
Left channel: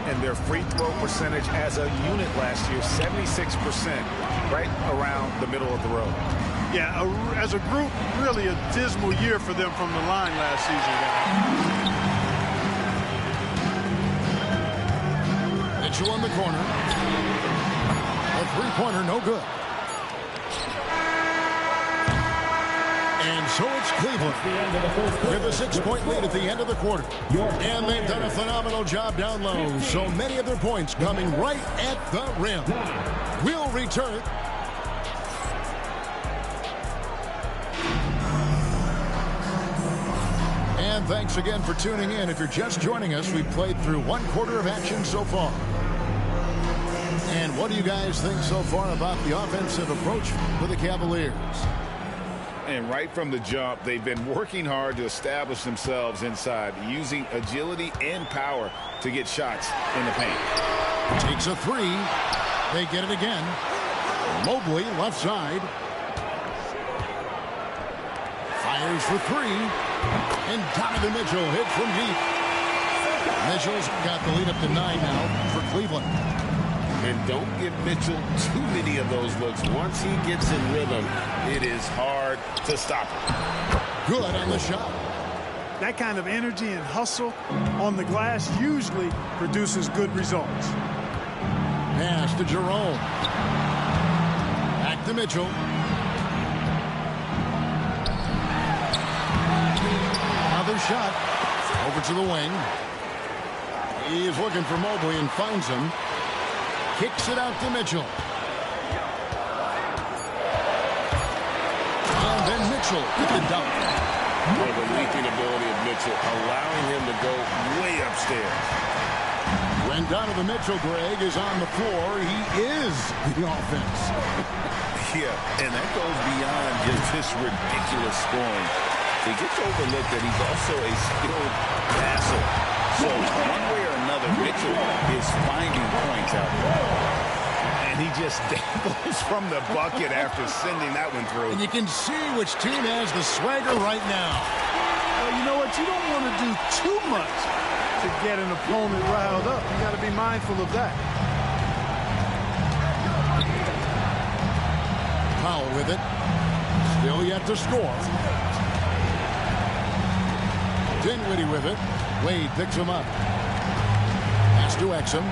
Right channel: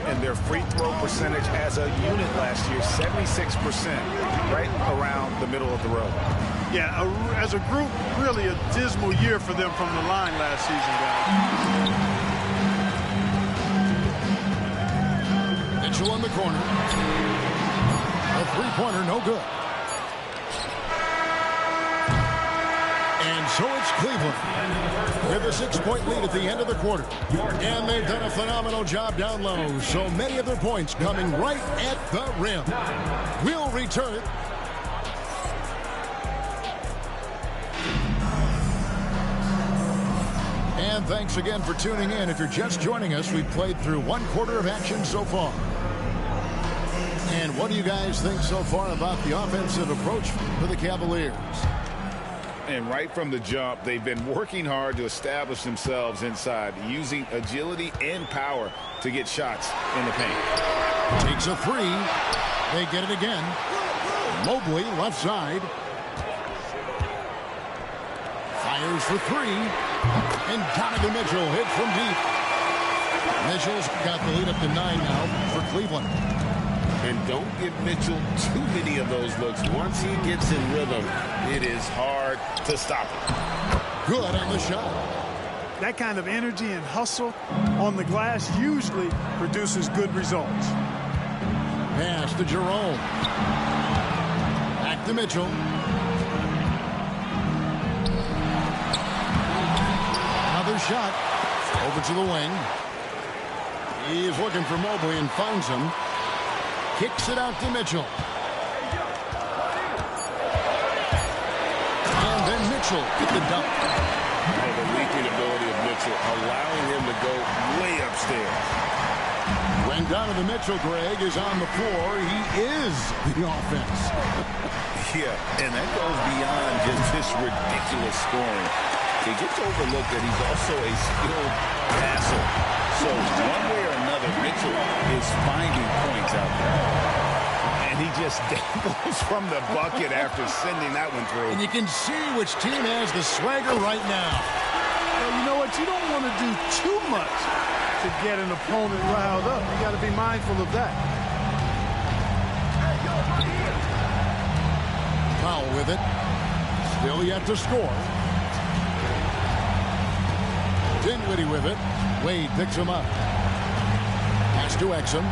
And their free throw percentage as a unit last year, 76%, right around the middle of the road. Yeah, as a group, really a dismal year for them from the line last season, guys. Mitchell on the corner. A three-pointer, no good. And so it's Cleveland with a 6-point lead at the end of the quarter. And they've done a phenomenal job down low. So many of their points coming right at the rim. We'll return. And thanks again for tuning in. If you're just joining us, we've played through 1 quarter of action so far. And what do you guys think so far about the offensive approach for the Cavaliers? And right from the jump, they've been working hard to establish themselves inside, using agility and power to get shots in the paint. Takes a 3. They get it again. Mobley, left side. Fires for 3. And Donovan Mitchell hit from deep. Mitchell's got the lead up to 9 now for Cleveland. And don't give Mitchell too many of those looks. Once he gets in rhythm, it is hard to stop him. Good on the shot. That kind of energy and hustle on the glass usually produces good results. Pass to Jerome. Back to Mitchell. Another shot. Over to the wing. He's looking for Mobley and finds him. Kicks it out to Mitchell. And then Mitchell with the dunk. Well, the leaping ability of Mitchell, allowing him to go way upstairs. When Donovan Mitchell, Greg, is on the floor, he is the offense. Yeah, and that goes beyond just this ridiculous scoring. It gets overlooked that he's also a skilled passer. So one way or another, Mitchell is finding points out there. And he just dangles from the bucket after sending that one through. And you can see which team has the swagger right now. Well, you know what? You don't want to do too much to get an opponent riled up. You got to be mindful of that. Powell with it. Still yet to score. Dinwiddie with it. Wade picks him up. Pass to Exum.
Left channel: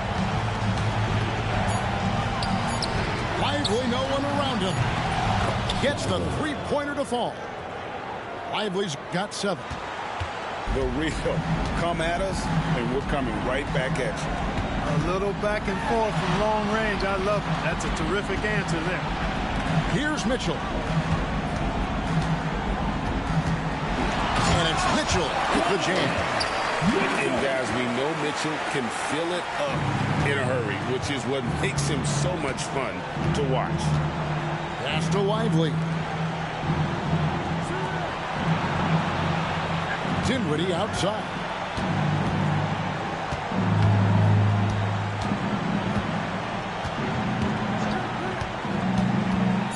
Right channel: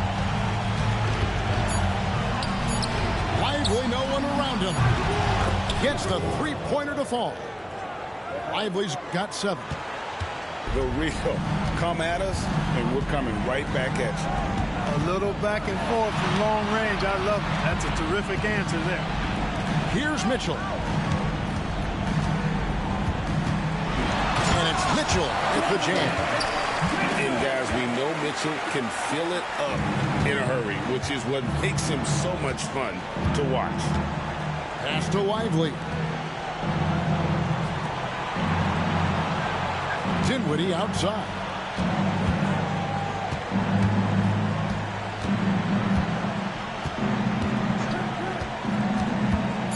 Lively, no one around him. Gets the three-pointer to fall. Lively's got 7. The real come at us, and we're coming right back at you. A little back and forth from long range. I love it. That's a terrific answer there. Here's Mitchell. And it's Mitchell with the jam. And guys, we know Mitchell can fill it up in a hurry, which is what makes him so much fun to watch. Pass to Lively. Dinwiddie outside.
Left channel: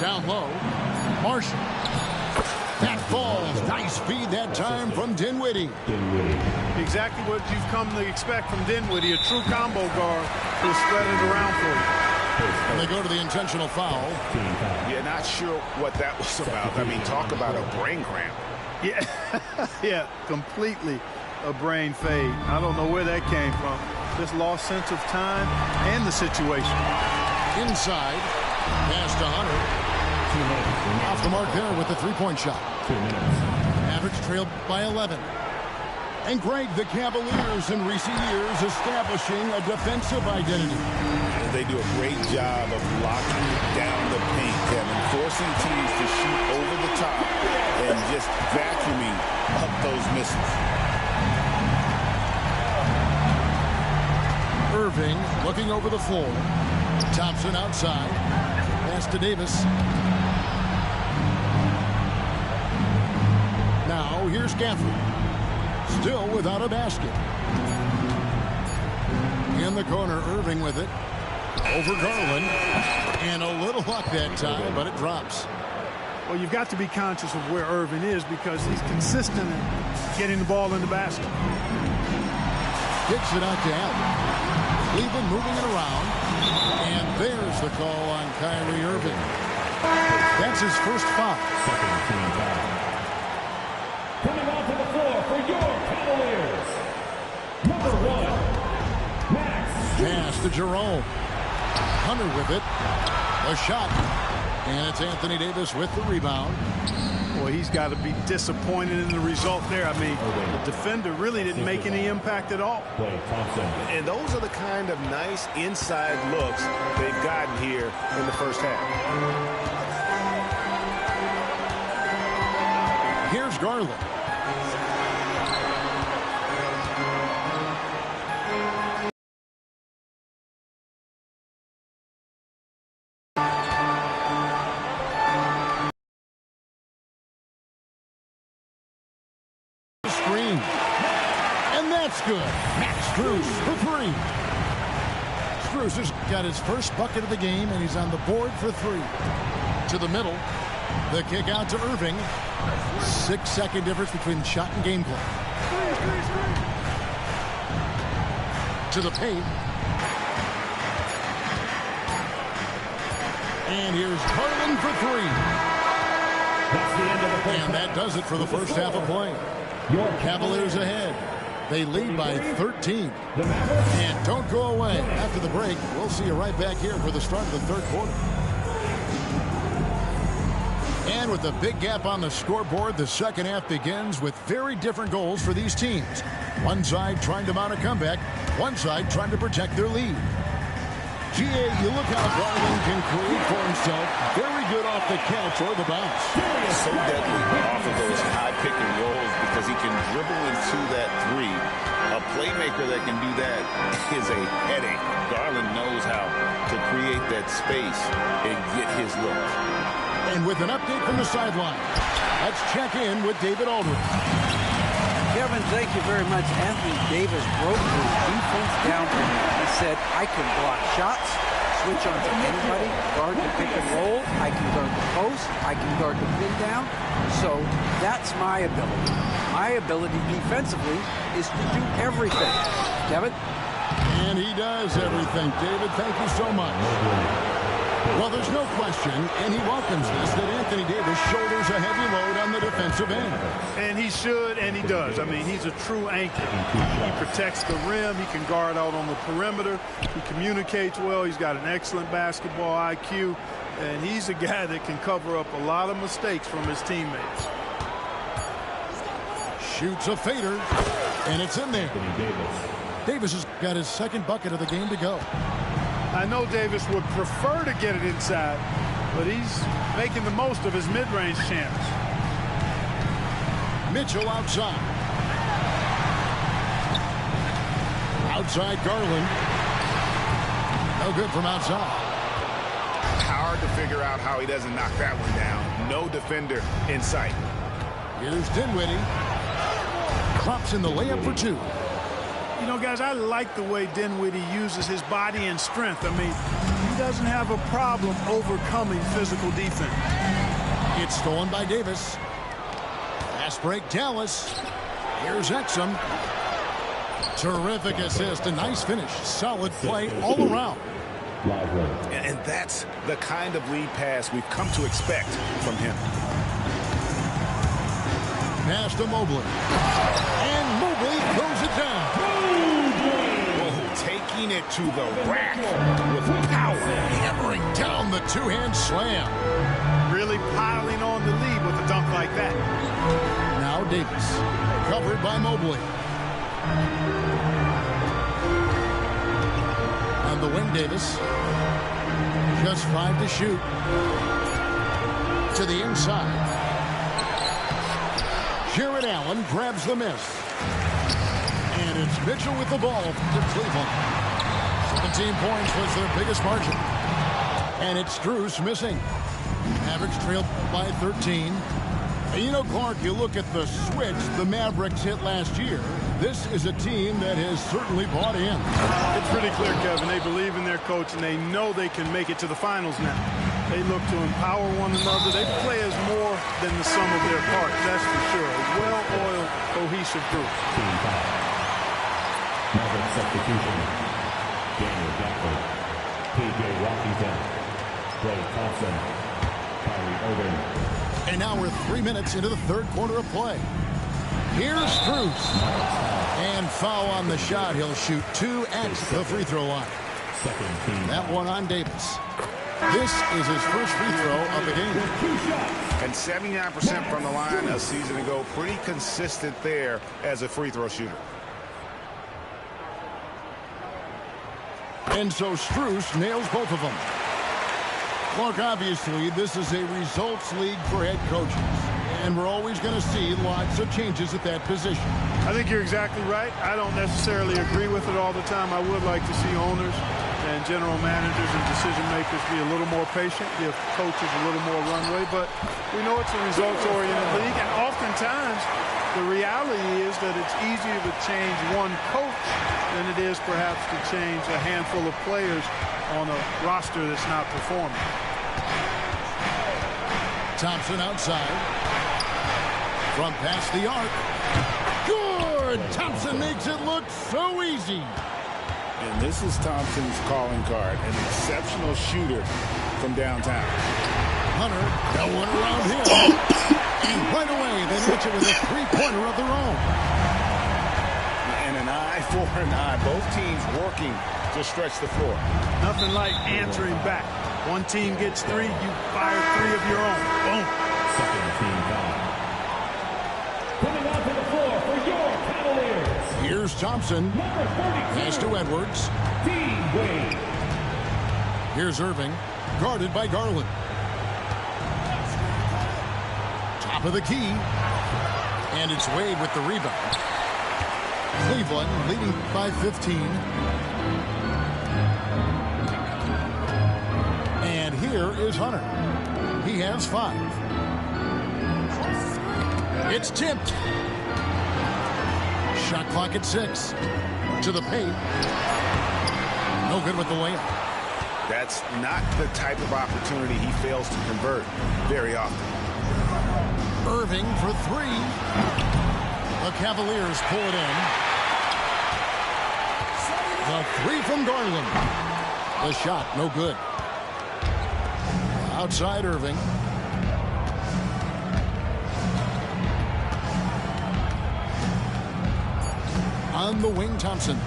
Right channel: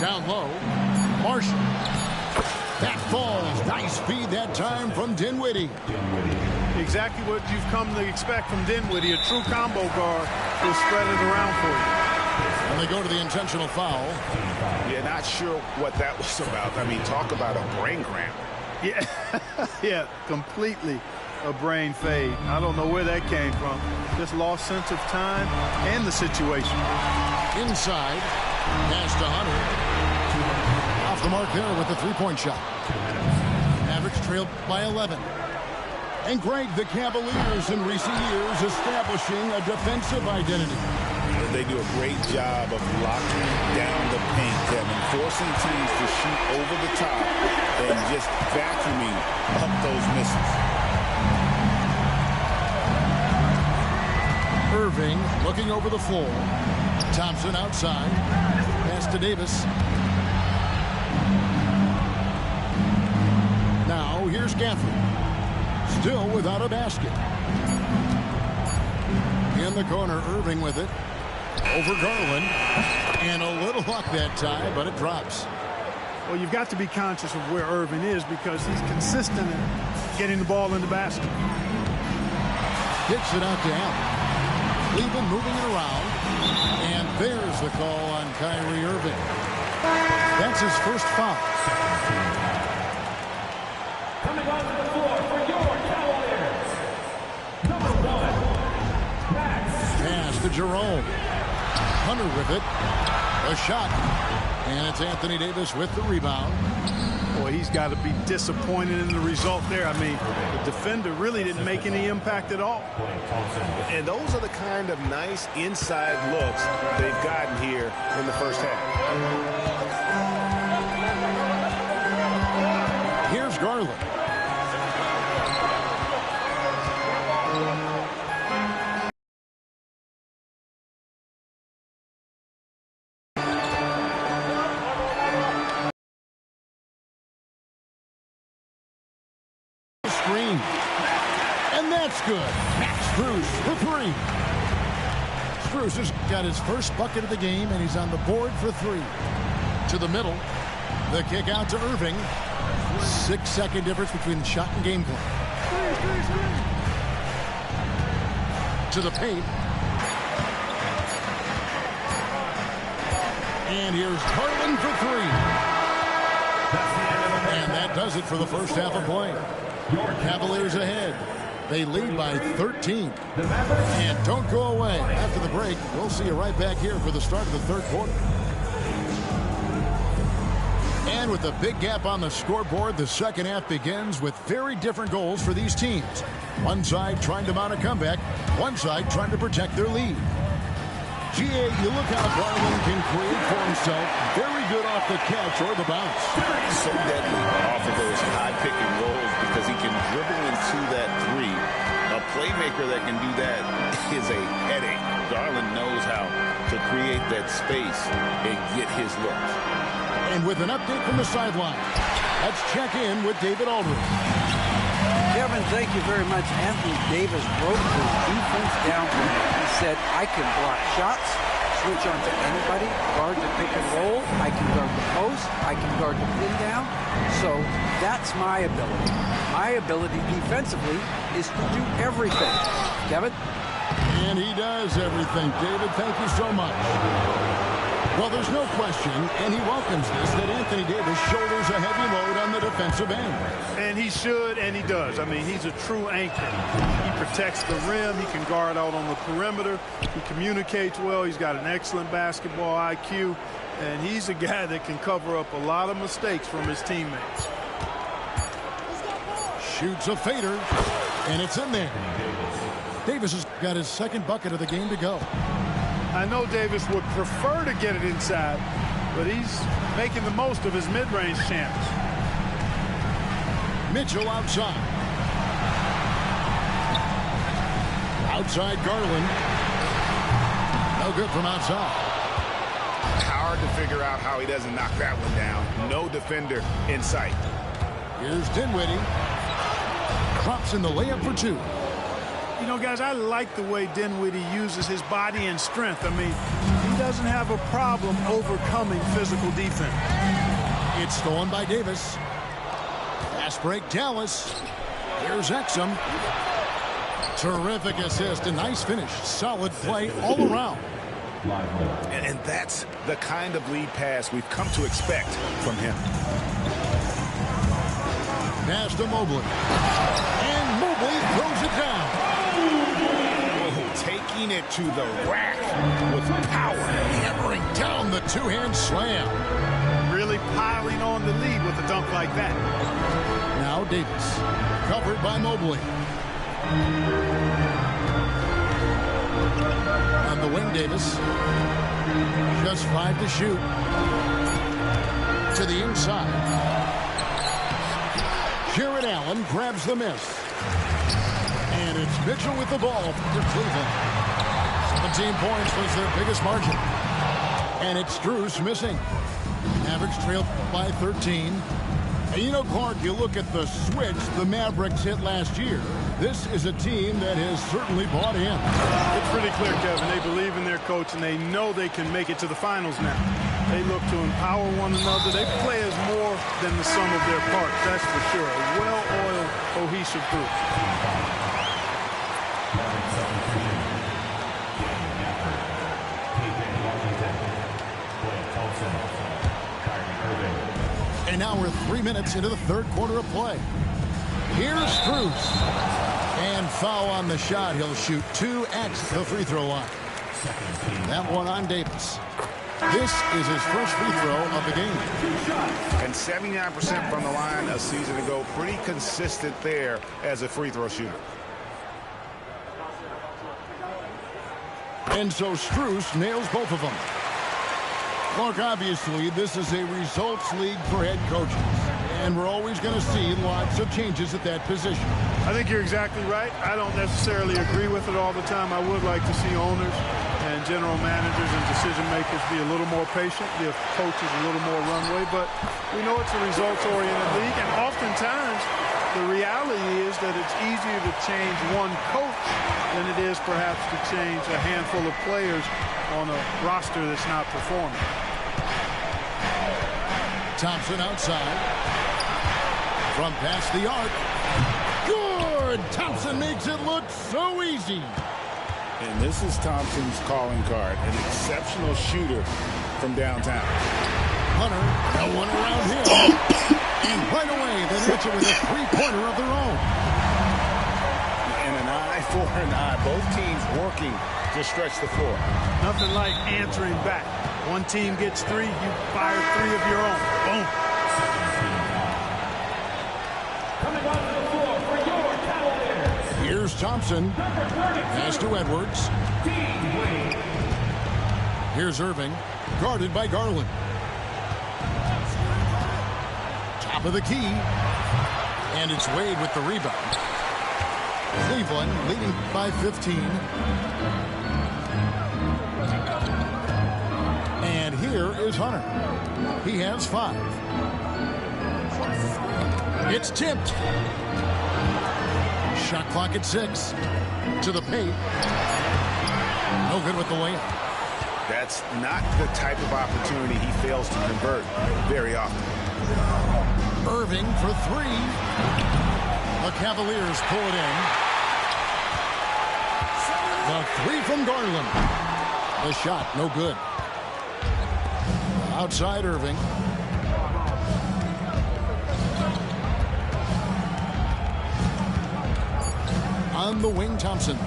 Down low. Marshall. That falls. Nice feed that time from Dinwiddie. Exactly what you've come to expect from Dinwiddie, a true combo guard who'll spread it around for you. And they go to the intentional foul. Yeah, not sure what that was about. I mean, talk about a brain cramp. Yeah, yeah, completely a brain fade. I don't know where that came from. Just lost sense of time and the situation. Inside, pass to Hunter. 2 minutes. Off the mark there with the three-point shot. 2 minutes. Average trailed by 11. And Greg, the Cavaliers in recent years establishing a defensive identity. They do a great job of locking down the paint, Kevin, forcing teams to shoot over the top and just vacuuming up those misses. Irving looking over the floor. Thompson outside. Pass to Davis. Now here's Gafford. Still without a basket. In the corner, Irving with it. Over Garland. And a little luck that time, but it drops. Well, you've got to be conscious of where Irving is because he's consistent in getting the ball in the basket. Kicks it out to Allen. Cleveland moving it around. And there's the call on Kyrie Irving. That's his first foul. Second team foul. Coming onto the floor for your Cavaliers, number 1, Max. Pass to Jerome. Hunter with it. A shot. And it's Anthony Davis with the rebound. Boy, he's got to be disappointed in the result there. I mean, the defender really didn't make any impact at all. And those are the kind of nice inside looks they've gotten here in the first half. Here's Garland. Screen. And that's good. Max Strus for three. Strus has got his first bucket of the game, and he's on the board for three. To the middle. The kick out to Irving. 6-second difference between the shot and game clock. To the paint. And here's Garland for three. And that does it for the first half of play. Cavaliers ahead. They lead by 13. And don't go away. After the break, we'll see you right back here for the start of the third quarter. And with a big gap on the scoreboard, the second half begins with very different goals for these teams. One side trying to mount a comeback, one side trying to protect their lead. GA, you look how Garland can create for himself. Very good off the catch or the bounce. So deadly off of those high pick and rolls because he can dribble into that three. A playmaker that can do that is a headache. Garland knows how to create that space and get his looks. And with an update from the sideline, let's check in with David Aldridge. Kevin, thank you very much. Anthony Davis broke his defense down for me. He said, I can block shots, switch on to anybody, guard the pick and roll, I can guard the post, I can guard the pin down. So that's my ability. My ability defensively is to do everything. Kevin? And he does everything. David, thank you so much. Well, there's no question, and he welcomes this, that Anthony Davis shoulders a heavy load on the defensive end. And he should, and he does. I mean, he's a true anchor. He protects the rim. He can guard out on the perimeter. He communicates well. He's got an excellent basketball IQ. And he's a guy that can cover up a lot of mistakes from his teammates. Shoots a fader, and it's in there. Davis has got his second bucket of the game to go. I know Davis would prefer to get it inside, but he's making the most of his mid-range chance. Mitchell outside. Outside Garland. No good from outside. Hard to figure out how he doesn't knock that one down. No defender in sight. Here's Dinwiddie. Drops in the layup for two. You know, guys, I like the way Dinwiddie uses his body and strength. I mean, he doesn't have a problem overcoming physical defense. It's stolen by Davis. Fast break, Dallas. Here's Exum. Terrific assist, a nice finish. Solid play all around. And that's the kind of lead pass we've come to expect from him. Pass to Mobley. And Mobley throws it down. Whoa, taking it to the rack with power. Hammering down the two-hand slam. Really piling on the lead with a dunk like that. Now Davis, covered by Mobley. On the wing, Davis. Just 5 to shoot. To the inside. Jarrett Allen grabs the miss. And it's Mitchell with the ball for Cleveland. 17 points was their biggest margin. And it's Strus missing. Mavericks trailed by 13. And you know, Clark, you look at the switch the Mavericks hit last year. This is a team that has certainly bought in. It's pretty clear, Kevin. They believe in their coach, and they know they can make it to the finals now. They look to empower one another. They play as more than the sum of their parts, that's for sure. A well-oiled, cohesive group. Maverick substitution. Danny Gafford. P.J. Washington. Klay Thompson. Kyrie Irving. And now we're 3 minutes into the third quarter of play. Here's Strus. And foul on the shot. He'll shoot 2 at the free throw line. That one on Davis. This is his first free throw of the game. And 79% from the line a season ago. Pretty consistent there as a free throw shooter. And so Strus nails both of them. Clark, obviously, this is a results league for head coaches. And we're always going to see lots of changes at that position. I think you're exactly right. I don't necessarily agree with it all the time. I would like to see owners and general managers and decision makers be a little more patient, give coaches a little more runway. But we know it's a results-oriented league, and oftentimes the reality is that it's easier to change one coach than it is perhaps to change a handful of players on a roster that's not performing. Thompson outside. From past the arc. Good! Thompson makes it look so easy. And this is Thompson's calling card. An exceptional shooter from downtown. Hunter, no one around him. And right away, they match it with a three-pointer of their own. And an eye for an eye. Both teams working to stretch the floor. Nothing like answering back. One team gets 3, you fire 3 of your own. Boom. Coming onto the floor for your Cavaliers. Here's Thompson. Pass to Edwards. Wade. Here's Irving. Guarded by Garland. Top of the key. And it's Wade with the rebound. Cleveland leading by 15. And here is Hunter. He has 5. It's tipped. Shot clock at 6. To the paint. No good with the layup. That's not the type of opportunity he fails to convert very often. Irving for 3. The Cavaliers pull it in. The 3 from Garland. The shot, no good. Outside Irving. On the wing, Thompson.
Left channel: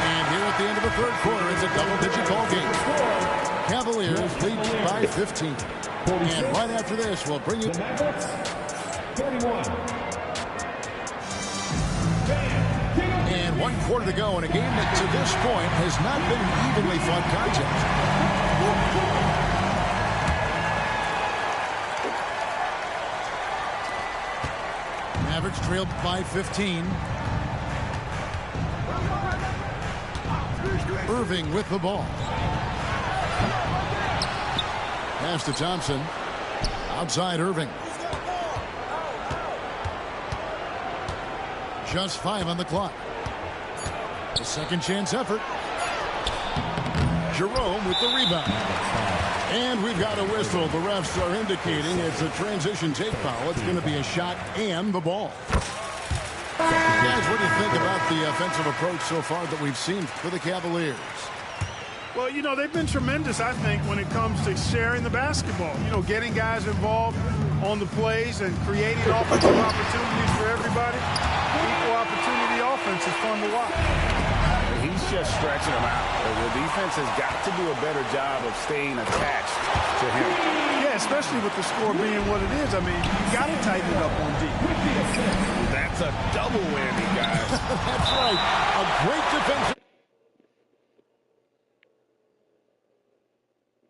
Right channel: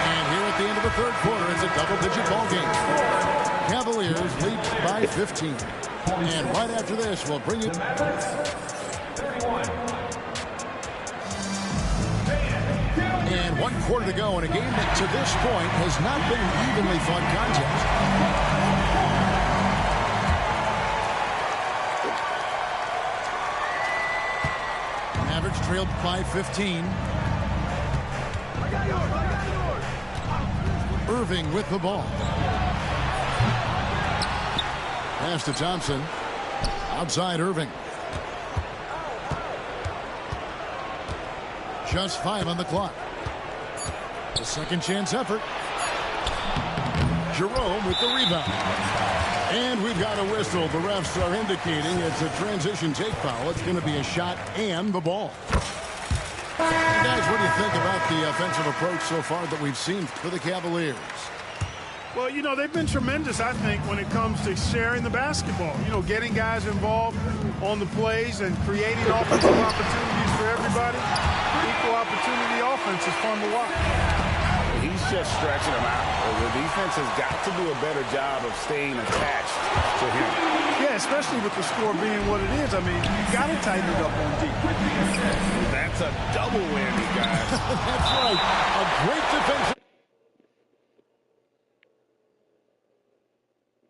And here at the end of the third quarter, it's a double-digit ball game. Cavaliers lead by 15. And right after this, we'll bring you... 31. And 1 quarter to go in a game that to this point has not been an evenly fought contest. Mavericks trailed by 15. Irving with the ball. Pass to Thompson. Outside Irving. Just 5 on the clock. A second chance effort. Jerome with the rebound. And we've got a whistle. The refs are indicating it's a transition take foul. It's going to be a shot and the ball. Guys, what do you think about the offensive approach so far that we've seen for the Cavaliers? Well, you know, they've been tremendous, I think, when it comes to sharing the basketball. You know, getting guys involved on the plays and creating offensive opportunities for everybody. Equal opportunity offense is fun to watch. He's just stretching them out. The defense has got to do a better job of staying attached to him. Yeah, especially with the score being what it is. I mean, you got to tighten it up on D. That's a double whammy, guys. That's right. A great defensive.